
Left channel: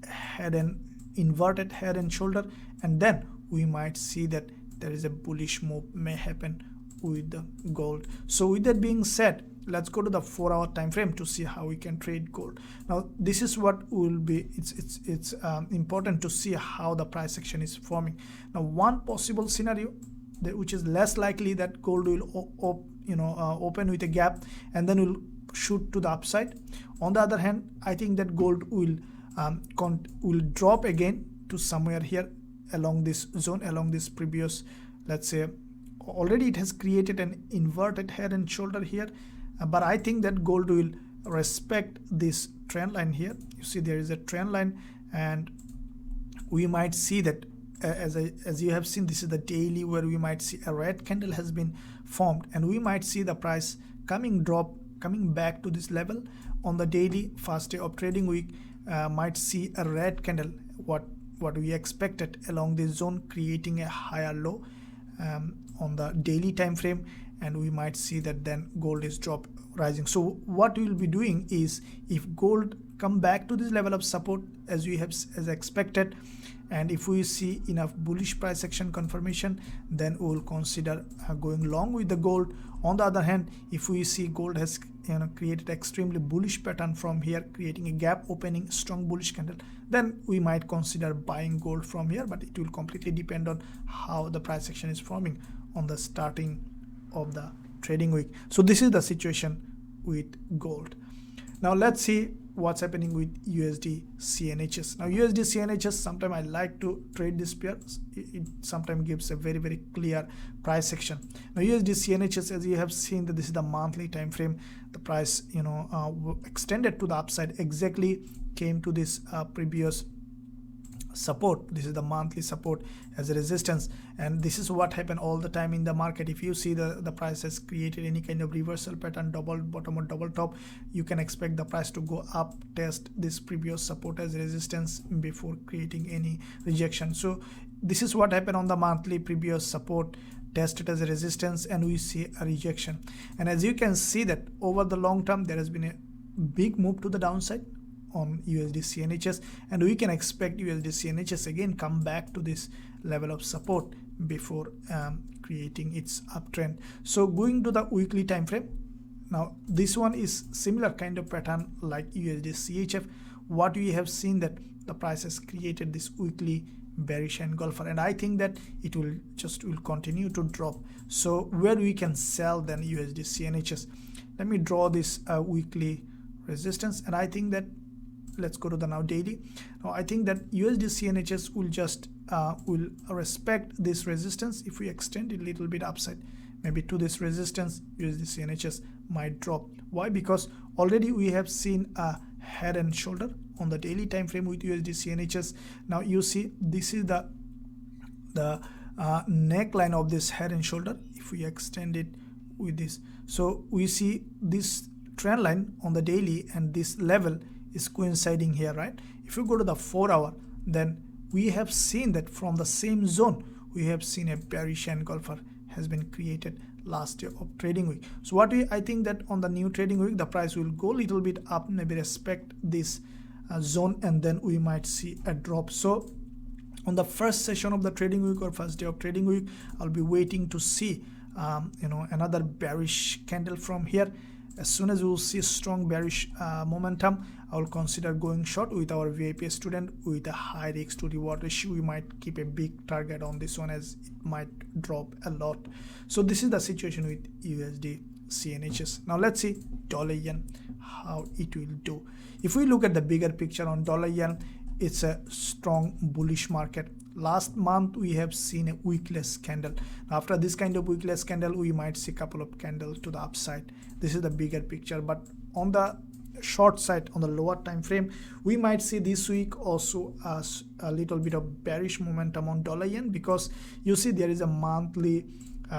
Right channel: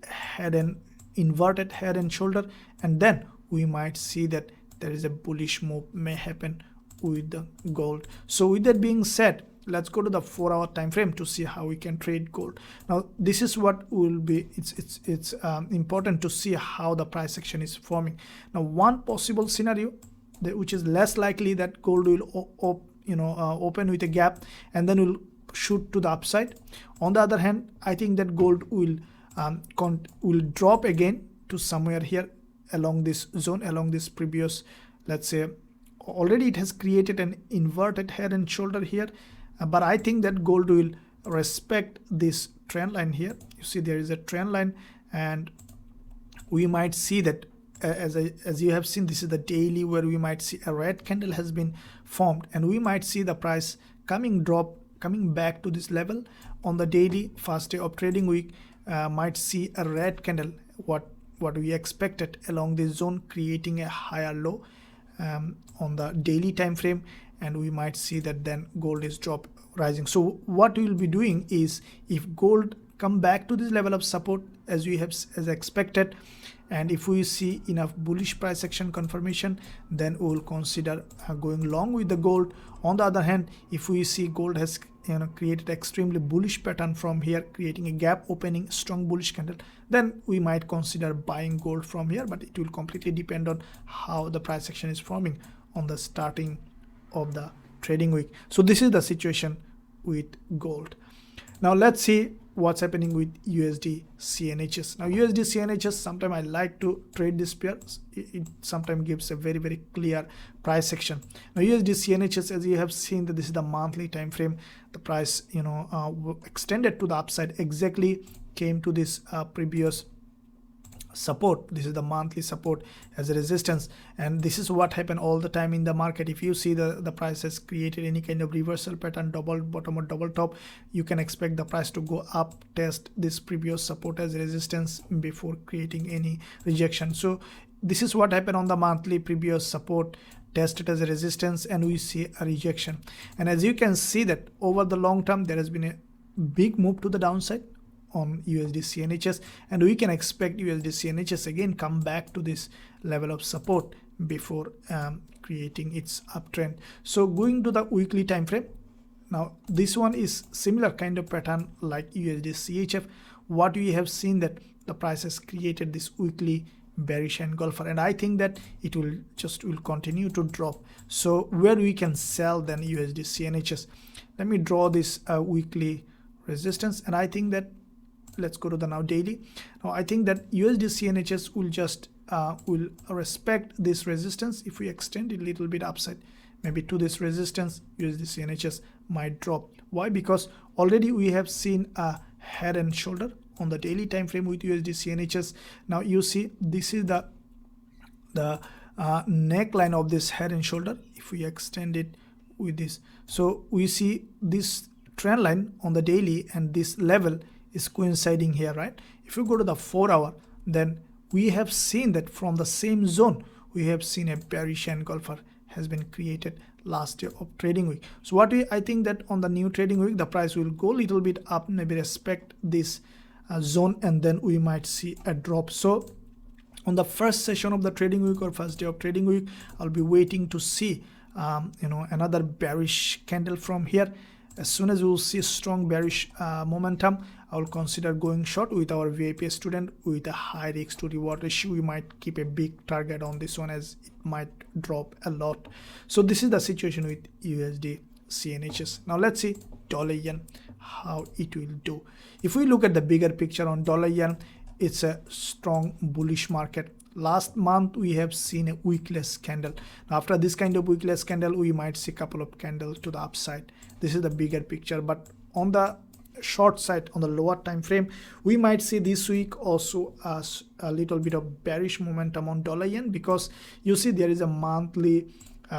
inverted head and shoulder, and then we might see that there is a bullish move may happen with the gold. So with that being said, let's go to the 4 hour time frame to see how we can trade gold. Now this is what will be, it's important to see how the price action is forming. Now one possible scenario which is less likely, that gold will open with a gap and then will shoot to the upside. On the other hand, I think that gold will drop again to somewhere here along this zone, along this previous, let's say already it has created an inverted head and shoulder here, but I think that gold will respect this trend line here. You see there is a trend line, and we might see that as you have seen, this is the daily where we might see a red candle has been formed, and we might see the price coming back to this level on the daily. First day of trading week might see a red candle, what we expected along this zone, creating a higher low on the daily time frame, and we might see that then gold is drop. rising. So what we will be doing is, if gold come back to this level of support as we have as expected, and if we see enough bullish price action confirmation, then we will consider going long with the gold. On the other hand, if we see gold has created extremely bullish pattern from here, creating a gap opening strong bullish candle, then we might consider buying gold from here, but it will completely depend on how the price action is forming on the starting of the trading week. So this is the situation with gold. Now let's see what's happening with USDCNHs. Now USDCNHs, sometimes I like to trade this pair. It sometimes gives a very, very clear price action. Now USDCNHs, as you have seen, that this is the monthly time frame. The price extended to the upside, exactly came to this previous support. This is the monthly support as a resistance, and this is what happened all the time in the market. If you see the price has created any kind of reversal pattern, double bottom or double top, you can expect the price to go up, test this previous support as resistance before creating any rejection. So this is what happened on the monthly. Previous support tested as a resistance, and we see a rejection. And as you can see that over the long term, there has been a big move to the downside on USDCNHs, and we can expect USDCNHs again come back to this level of support before creating its uptrend. So going to the weekly time frame, now this one is similar kind of pattern like USDCHF. What we have seen that the price has created this weekly bearish engulfer, and I think that it will continue to drop. So where we can sell then USDCNHs, let me draw this weekly resistance, and I think that let's go to the now daily. Now I think that USDCNHs will just will respect this resistance. If we extend it a little bit upside, maybe to this resistance, USDCNHs might drop. Why? Because already we have seen a head and shoulder on the daily time frame with USDCNHs. Now you see this is the neckline of this head and shoulder. If we extend it with this, so we see this trend line on the daily, and this level is coinciding here, right? If you go to the 4 hour, then we have seen that from the same zone we have seen a bearish engulfer has been created last year of trading week. So I think that on the new trading week, the price will go a little bit up, maybe respect this zone, and then we might see a drop. So on the first session of the trading week or first day of trading week, I'll be waiting to see another bearish candle from here. As soon as we will see strong bearish momentum, I will consider going short with our VIP student with a high risk to reward ratio. We might keep a big target on this one as it might drop a lot. So this is the situation with USDCNHs. Now let's see dollar yen, how it will do. If we look at the bigger picture on dollar yen, it's a strong bullish market. Last month we have seen a wickless candle. After this kind of wickless candle, we might see a couple of candles to the upside. This is the bigger picture, but on the short side, on the lower time frame, we might see this week also as a little bit of bearish momentum on dollar yen, because you see there is a monthly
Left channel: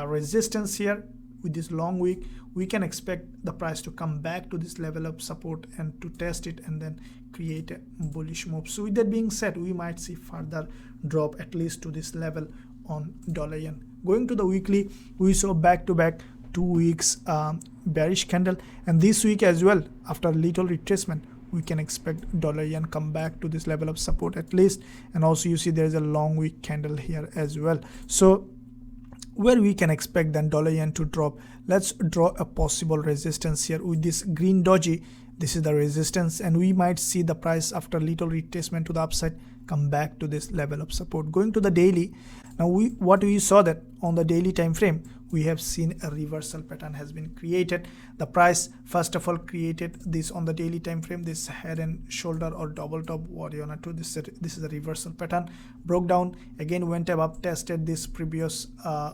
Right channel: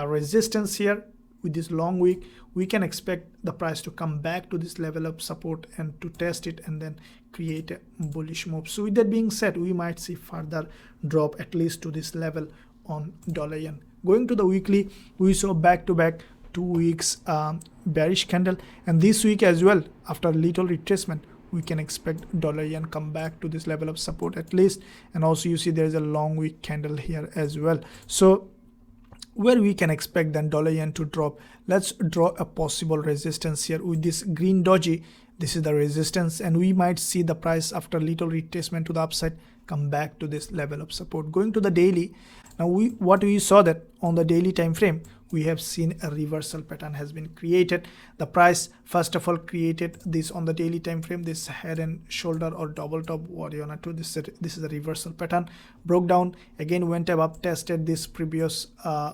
resistance here. With this long week, we can expect the price to come back to this level of support and to test it and then create a bullish move. So with that being said, we might see further drop at least to this level on dollar yen. Going to the weekly, we saw back-to-back 2 weeks bearish candle, and this week as well, after little retracement, we can expect dollar yen come back to this level of support at least. And also you see there is a long week candle here as well. So where we can expect then dollar yen to drop, let's draw a possible resistance here with this green doji. This is the resistance, and we might see the price after little retracement to the upside come back to this level of support. Going to the daily, now what we saw that on the daily time frame, we have seen a reversal pattern has been created. The price first of all created this on the daily time frame, this head and shoulder or double top, what you want to do. This is a reversal pattern, broke down again, went above, tested this previous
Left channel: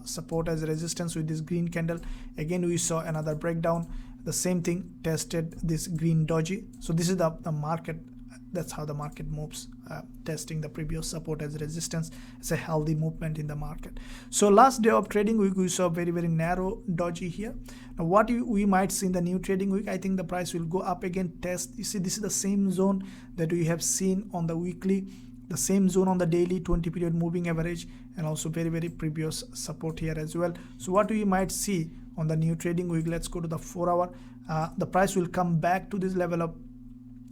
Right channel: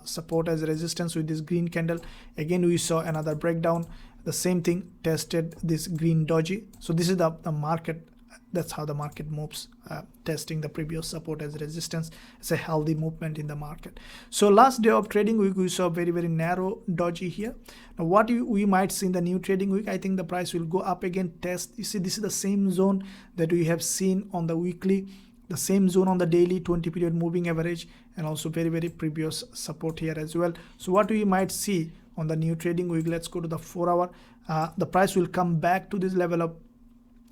support as a resistance with this green candle. Again we saw another breakdown, the same thing, tested this green doji. So this is the market. That's how the market moves, testing the previous support as resistance. It's a healthy movement in the market. So last day of trading week, we saw very, very narrow doji here. Now what we might see in the new trading week, I think the price will go up again, test. You see, this is the same zone that we have seen on the weekly. the same zone on the daily 20 period moving average, and also very previous support here as well. So what we might see on the new trading week, let's go to the 4 hour. The price will come back to this level of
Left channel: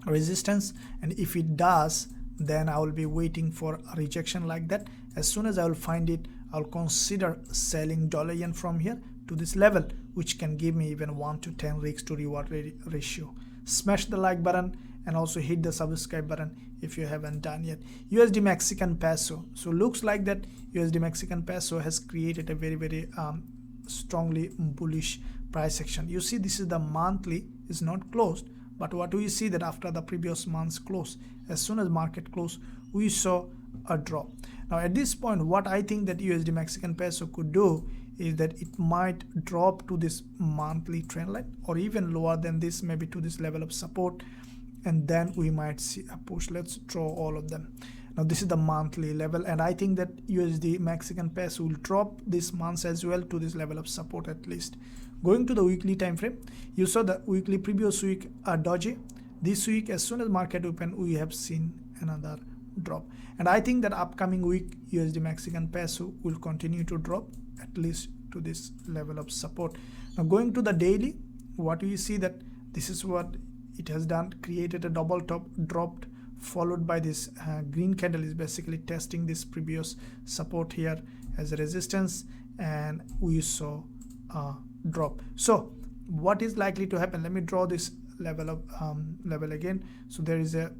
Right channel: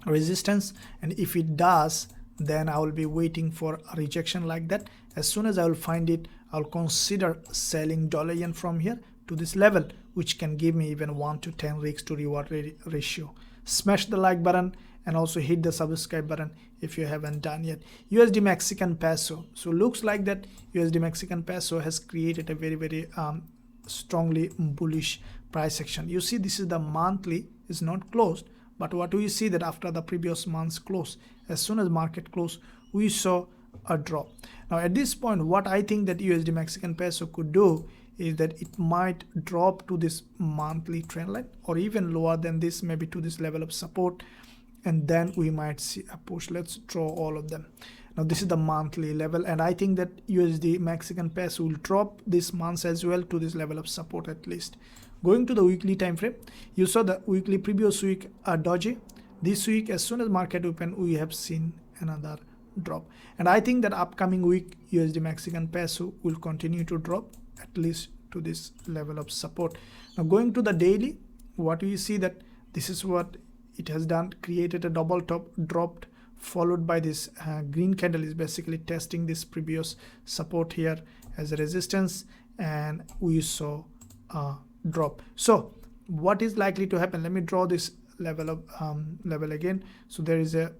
resistance, and if it does, then I will be waiting for a rejection like that. As soon as I will find it, I'll consider selling dollar yen from here to this level, which can give me even 1 to 10 risk to reward ratio. Smash the like button and also hit the subscribe button if you haven't done yet. USD Mexican peso. So looks like that USD Mexican peso has created a very strongly bullish price action. You see, this is the monthly, is not closed, but what do you see that after the previous month's close, as soon as market closed, we saw a drop. Now at this point, what I think that USD Mexican peso could do is that it might drop to this monthly trend line, or even lower than this, maybe to this level of support, and then we might see a push. Let's draw all of them. Now this is the monthly level, and I think that USD Mexican peso will drop this month as well to this level of support at least. Going to the weekly time frame, you saw the weekly previous week doji. This week, as soon as market open, we have seen another drop, and I think that upcoming week USD Mexican peso will continue to drop at least to this level of support. Now going to the daily, what we see that this is what it has done, created a double top, dropped, followed by this green candle is basically testing this previous support here as a resistance, and we saw a drop. So what is likely to happen? Let me draw this level of level again. So there is a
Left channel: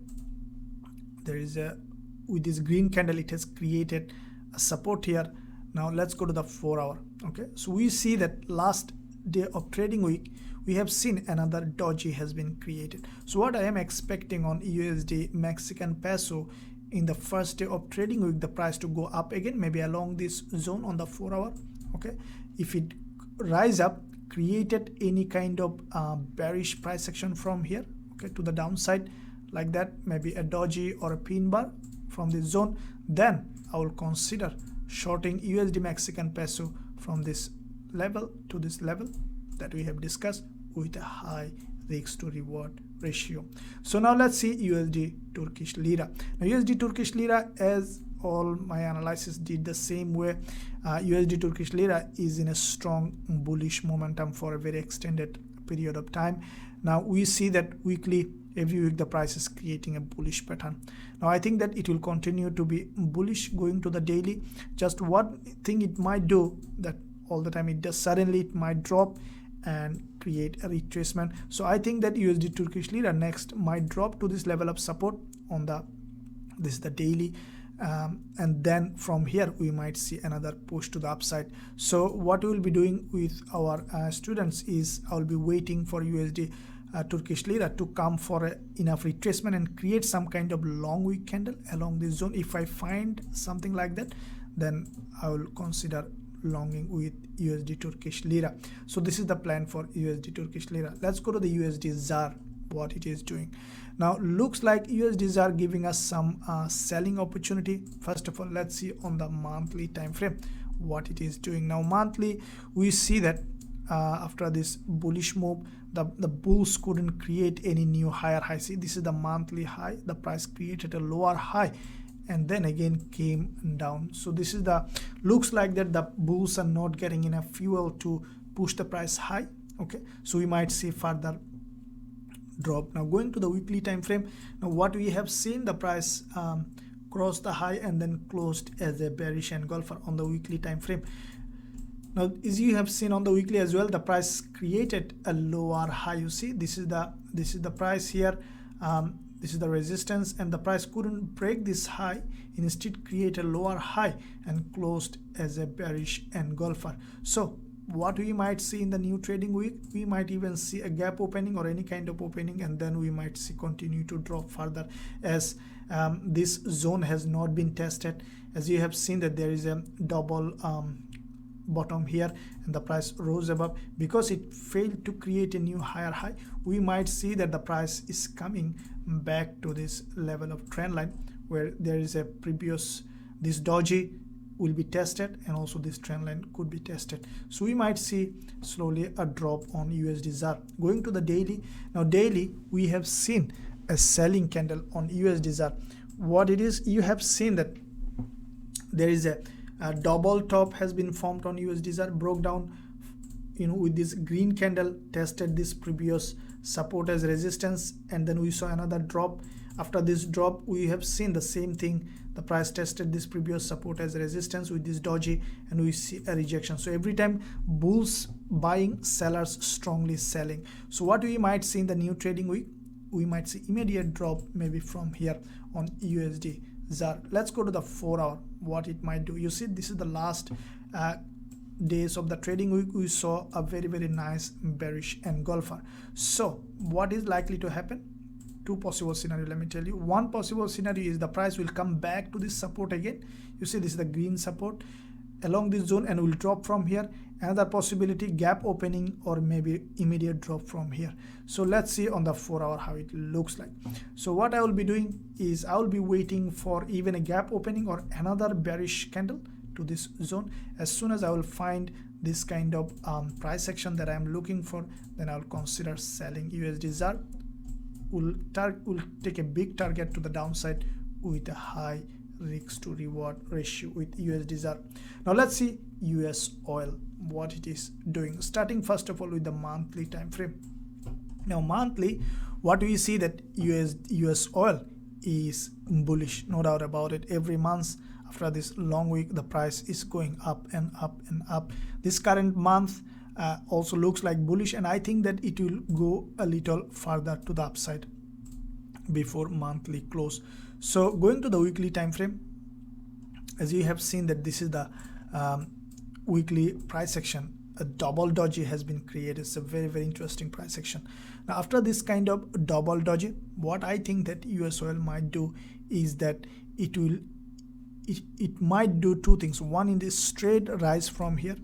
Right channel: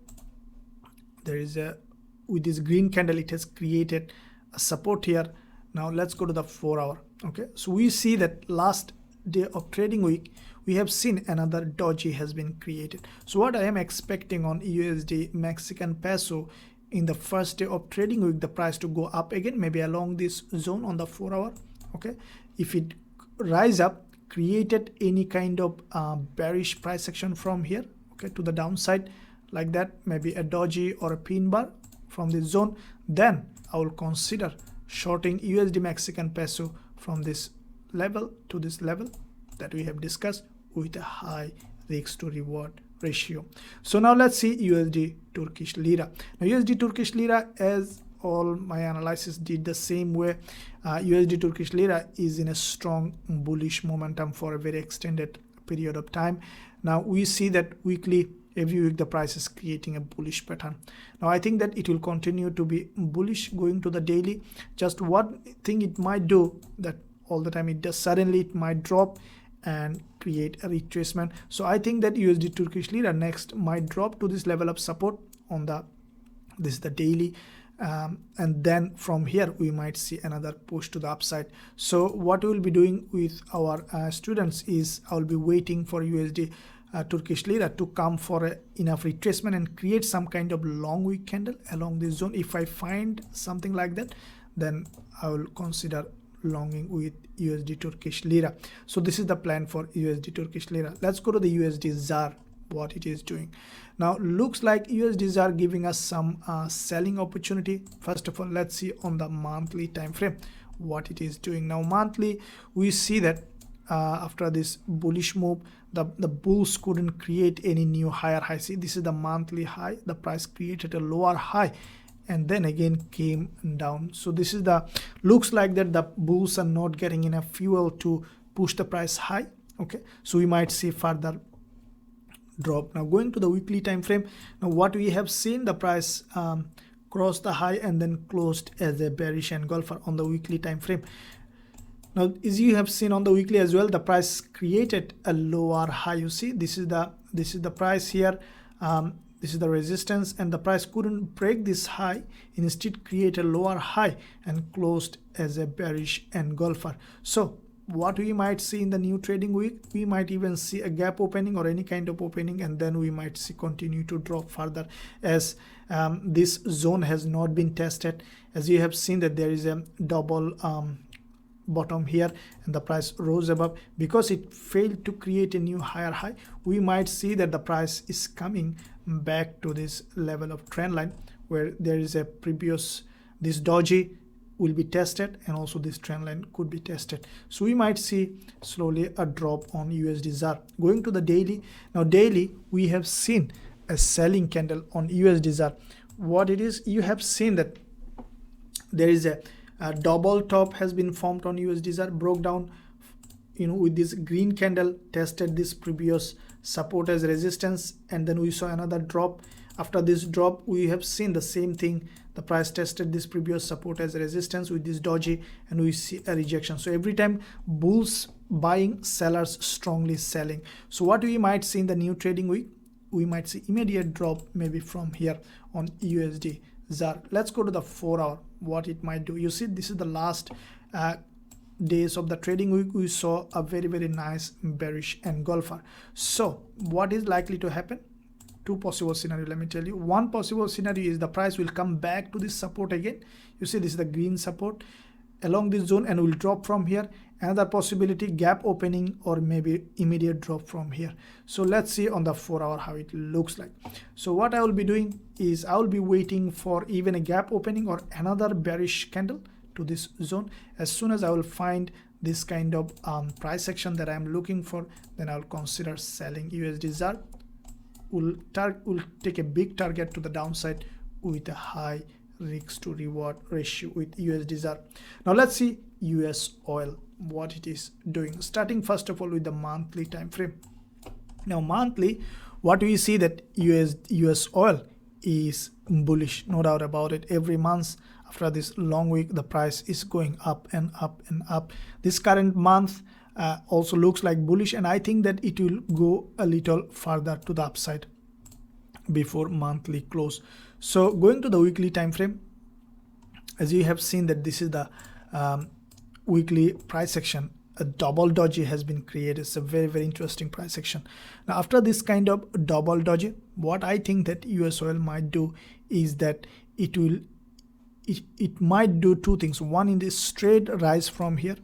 with this green candle, it has created a support here. Now let's go to the 4 hour. Okay, so we see that last day of trading week, we have seen another doji has been created. So what I am expecting on USD Mexican peso in the first day of trading week, the price to go up again, maybe along this zone on the 4 hour. Okay, if it rise up, created any kind of bearish price action from here, okay, to the downside like that, maybe a doji or a pin bar from this zone, then I will consider shorting USD Mexican peso from this level to this level that we have discussed with a high risk to reward ratio. So now let's see USD Turkish Lira. Now USD Turkish Lira, as all my analysis did the same way, USD Turkish Lira is in a strong bullish momentum for a very extended period of time. Now we see that weekly, every week the price is creating a bullish pattern. Now I think that it will continue to be bullish. Going to the daily, just what thing it might do, that all the time it does, suddenly it might drop and create a retracement. So I think that USD Turkish Lira next might drop to this level of support on the, this is the daily, and then from here we might see another push to the upside. So what we will be doing with our students is I will be waiting for USD Turkish Lira to come for enough retracement and create some kind of long wick candle along this zone. If I find something like that, then I will consider longing with USD Turkish Lira. So this is the plan for USD Turkish Lira. Let's go to the USD ZAR, what it is doing. Now looks like USD ZAR giving us some selling opportunity. First of all, let's see on the monthly time frame what it is doing. Now monthly, we see that after this bullish move, the bulls couldn't create any new higher high. See, this is the monthly high, the price created a lower high and then again came down. So this is the, looks like that the bulls are not getting enough fuel to push the price high. Okay, so we might see further drop. Now going to the weekly time frame, now what we have seen, the price crossed the high and then closed as a bearish engulfer on the weekly time frame. Now as you have seen on the weekly as well, the price created a lower high. You see, this is the price here, this is the resistance, and the price couldn't break this high, instead create a lower high and closed as a bearish engulfer. So what we might see in the new trading week, we might even see a gap opening or any kind of opening, and then we might see continue to drop further as this zone has not been tested. As you have seen that there is a double bottom here and the price rose above, because it failed to create a new higher high. We might see that the price is coming back to this level of trend line where there is a previous, this doji will be tested and also this trend line could be tested. So we might see slowly a drop on USD ZAR. Going to the daily, now daily we have seen a selling candle on USD ZAR. what it is, you have seen that there is a double top has been formed on USDZAR, broke down, you know, with this green candle, tested this previous support as resistance, and then we saw another drop. After this drop, we have seen the same thing. The price tested this previous support as resistance with this doji, and we see a rejection. So every time bulls buying, sellers strongly selling. So what we might see in the new trading week, we might see immediate drop maybe from here on USDZAR. Let's go to the 4 hour, what it might do. You see, this is the last days of the trading week. We saw a very nice bearish engulfer. So what is likely to happen? Two possible scenario, let me tell you. One possible scenario is the price will come back to this support again. You see, this is the green support along this zone and will drop from here. Another possibility, gap opening or maybe immediate drop from here. So let's see on the 4 hour how it looks like. So what I will be doing is I will be waiting for even a gap opening or another bearish candle to this zone. As soon as I will find this kind of price action that I am looking for, then I will consider selling USDZAR. Will take a big target to the downside with a high risk to reward ratio with USDZAR. Now let's see US oil, what it is doing, starting first of all with the monthly time frame. Now monthly, what do you see? That US oil is bullish, no doubt about it. Every month after this long week, the price is going up and up and up. This current month also looks like bullish, and I think that it will go a little further to the upside before monthly close. So going to the weekly time frame, as you have seen that this is the weekly price action, a double doji has been created. It's a very interesting price action. Now after this kind of double doji, what I think that US oil might do is that it might do two things. One, in this straight rise from here,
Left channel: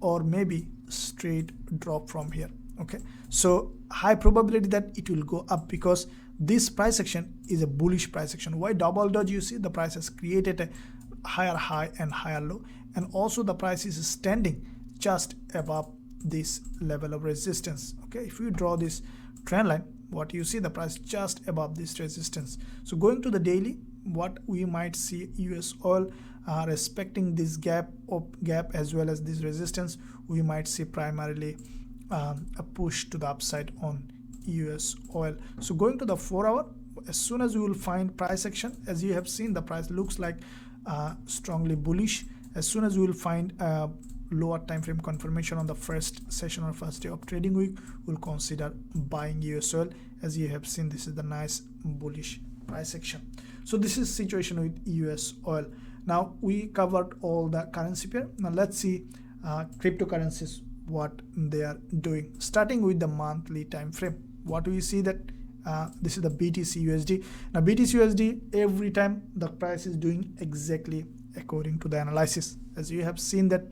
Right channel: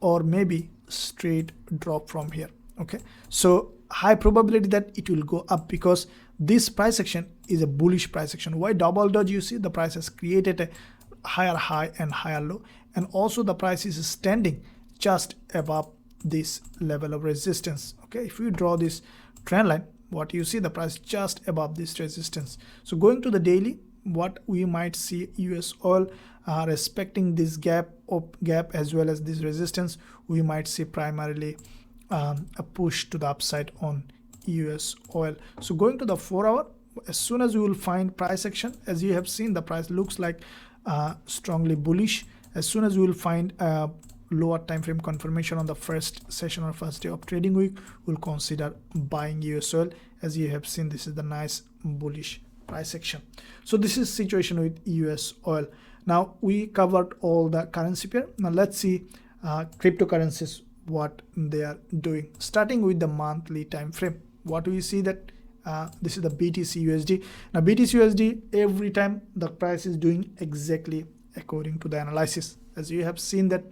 or maybe straight drop from here. Okay, so high probability that it will go up because this price action is a bullish price action. Why double doji? You see, the price has created a higher high and higher low, and also the price is standing just above this level of resistance. Okay, if you draw this trend line, what you see, the price just above this resistance. So going to the daily, what we might see, US oil respecting this gap as well as this resistance, we might see primarily a push to the upside on US oil. So going to the 4 hour, as soon as you will find price action, as you have seen, the price looks like strongly bullish. As soon as you will find lower time frame confirmation on the first session or first day of trading week, we'll consider buying US oil. As you have seen, this is the nice bullish price action. So this is situation with US oil. Now we covered all the currency pair. Now let's see cryptocurrencies, what they are doing, starting with the monthly time frame. What do you see? That this is the BTCUSD. Now BTCUSD, every time the price is doing exactly according to the analysis. As you have seen that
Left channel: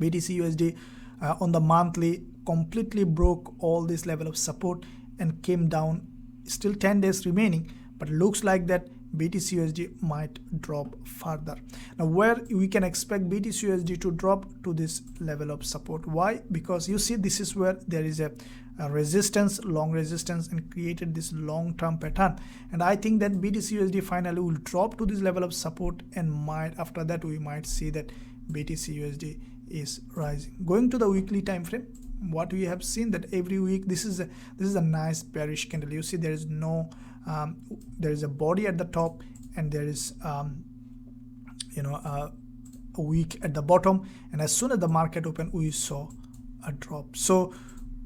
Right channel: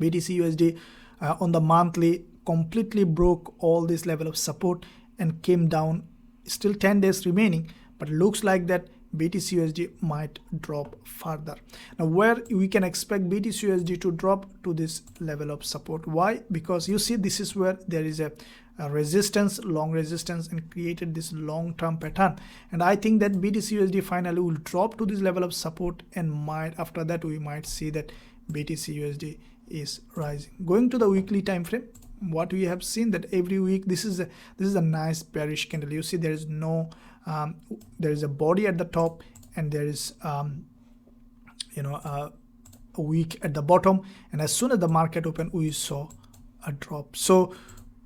BTCUSD on the monthly completely broke all this level of support and came down. Still 10 days remaining, but looks like that BTCUSD might drop further. Now where we can expect BTCUSD to drop to this level of support. Why? Because you see, this is where there is a resistance, long resistance, and created this long-term pattern, and I think that BTCUSD finally will drop to this level of support, and might after that we might see that BTCUSD is rising. Going to the weekly time frame, what we have seen that every week this is a nice bearish candle. You see, there is no there is a body at the top, and there is a wick at the bottom, and as soon as the market opened, we saw a drop. So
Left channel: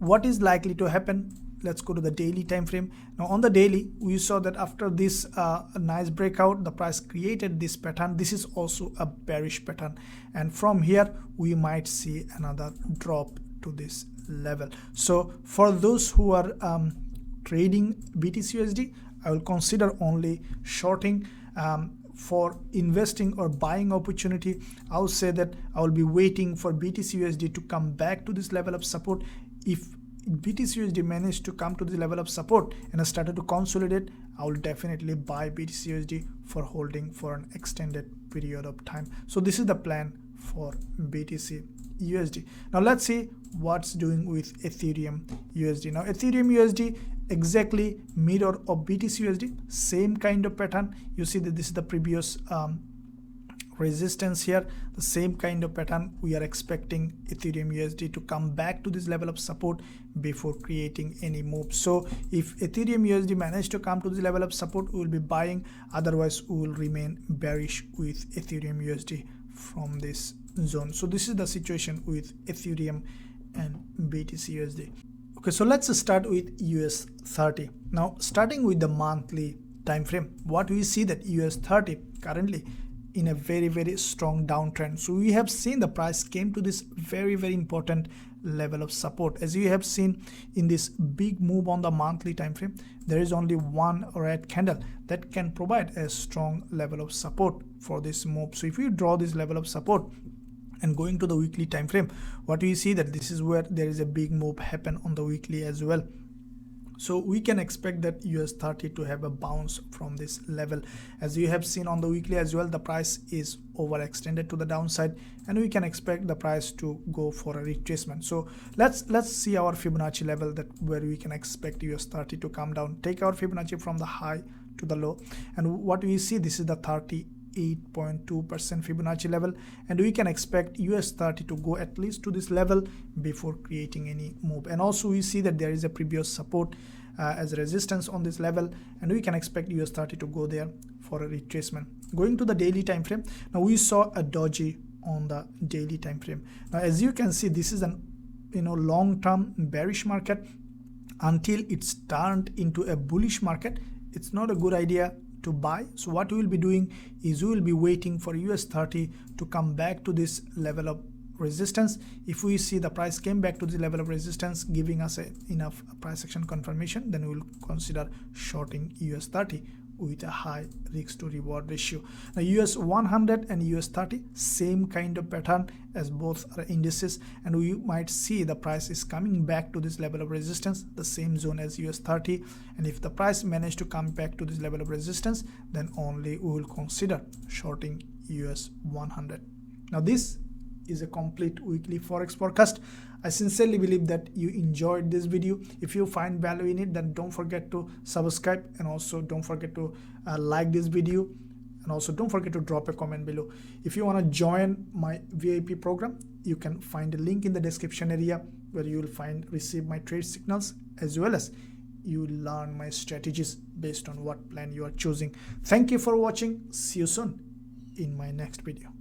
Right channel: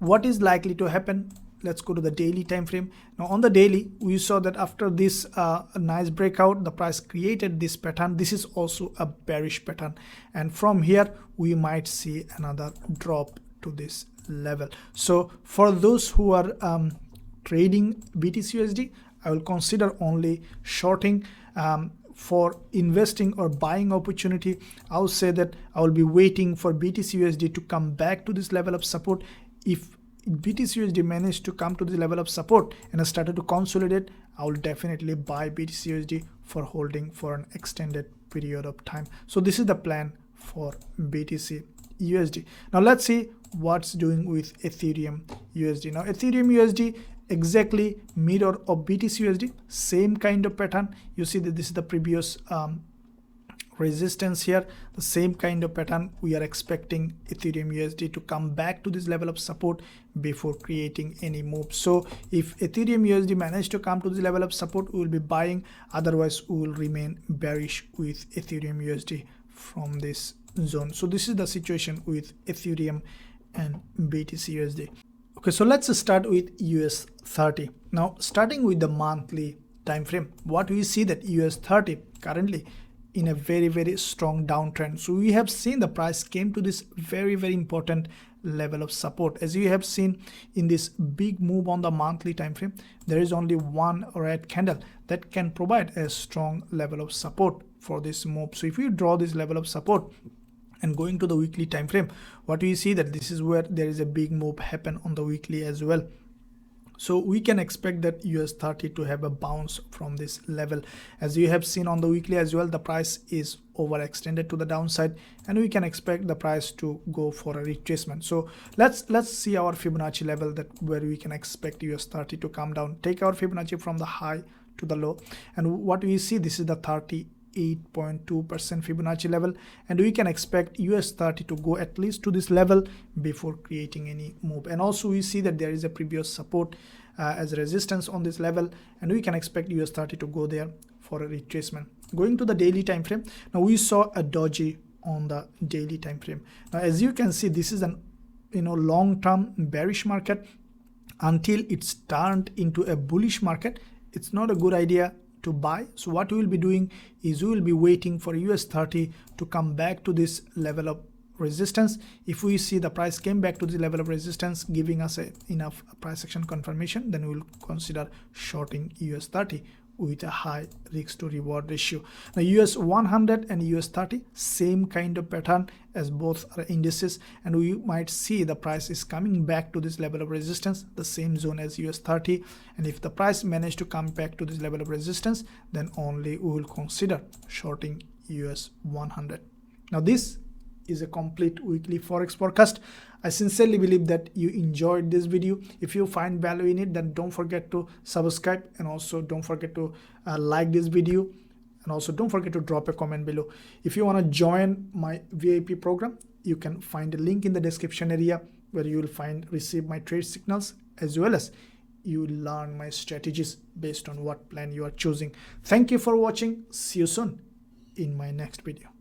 what is likely to happen? Let's go to the daily time frame. Now on the daily, we saw that after this nice breakout, the price created this pattern. This is also a bearish pattern, and from here we might see another drop to this level. So for those who are trading BTCUSD, I will consider only shorting. For investing or buying opportunity, I will say that I will be waiting for BTCUSD to come back to this level of support. If BTCUSD managed to come to the level of support and started to consolidate, I will definitely buy BTCUSD for holding for an extended period of time. So this is the plan for BTCUSD. Now let's see what's doing with Ethereum USD. Now Ethereum USD, exactly mirror of BTCUSD, same kind of pattern. You see that this is the previous resistance here, the same kind of pattern. We are expecting Ethereum USD to come back to this level of support before creating any move. So if Ethereum USD managed to come to this level of support, we will be buying, otherwise we will remain bearish with Ethereum USD from this zone. So this is the situation with Ethereum and BTCUSD. Okay, so let's start with US30. Now starting with the monthly time frame, what we see that US30 currently in a very strong downtrend. So we have seen the price came to this very important level of support. As you have seen in this big move on the monthly time frame, there is only one red candle that can provide a strong level of support for this move. So if we draw this level of support and going to the weekly time frame, what we see that this is where there is a big move happen on the weekly as well. So we can expect that US30 to have a bounce from this level. As you have seen on the weekly as well, the price is overextended to the downside, and we can expect the price to go for a retracement. So let's see our Fibonacci level, that where we can expect US30 to come down. Take our Fibonacci from the high to the low, and what we see, this is the 38.2% Fibonacci level, and we can expect US30 to go at least to this level before creating any move. And also we see that there is a previous support as resistance on this level, and we can expect US30 to go there for a retracement. Going to the daily time frame, now we saw a doji on the daily time frame. Now as you can see, this is an long-term bearish market. Until it's turned into a bullish market, it's not a good idea to buy. So what we will be doing is we will be waiting for US30 to come back to this level of resistance. If we see the price came back to the level of resistance, giving us enough price action confirmation, then we will consider shorting US30 with a high risk to reward ratio. Now US 100 and US 30, same kind of pattern, as both are indices, and we might see the price is coming back to this level of resistance, the same zone as US 30. And if the price managed to come back to this level of resistance, then only we will consider shorting US 100. Now this is a complete weekly forex forecast. I sincerely believe that you enjoyed this video. If you find value in it, then don't forget to subscribe, and also don't forget to like this video, and also don't forget to drop a comment below. If you want to join my VIP program, you can find a link in the description area where you will receive my trade signals, as well as you will learn my strategies based on what plan you are choosing. Thank you for watching. See you soon in my next video.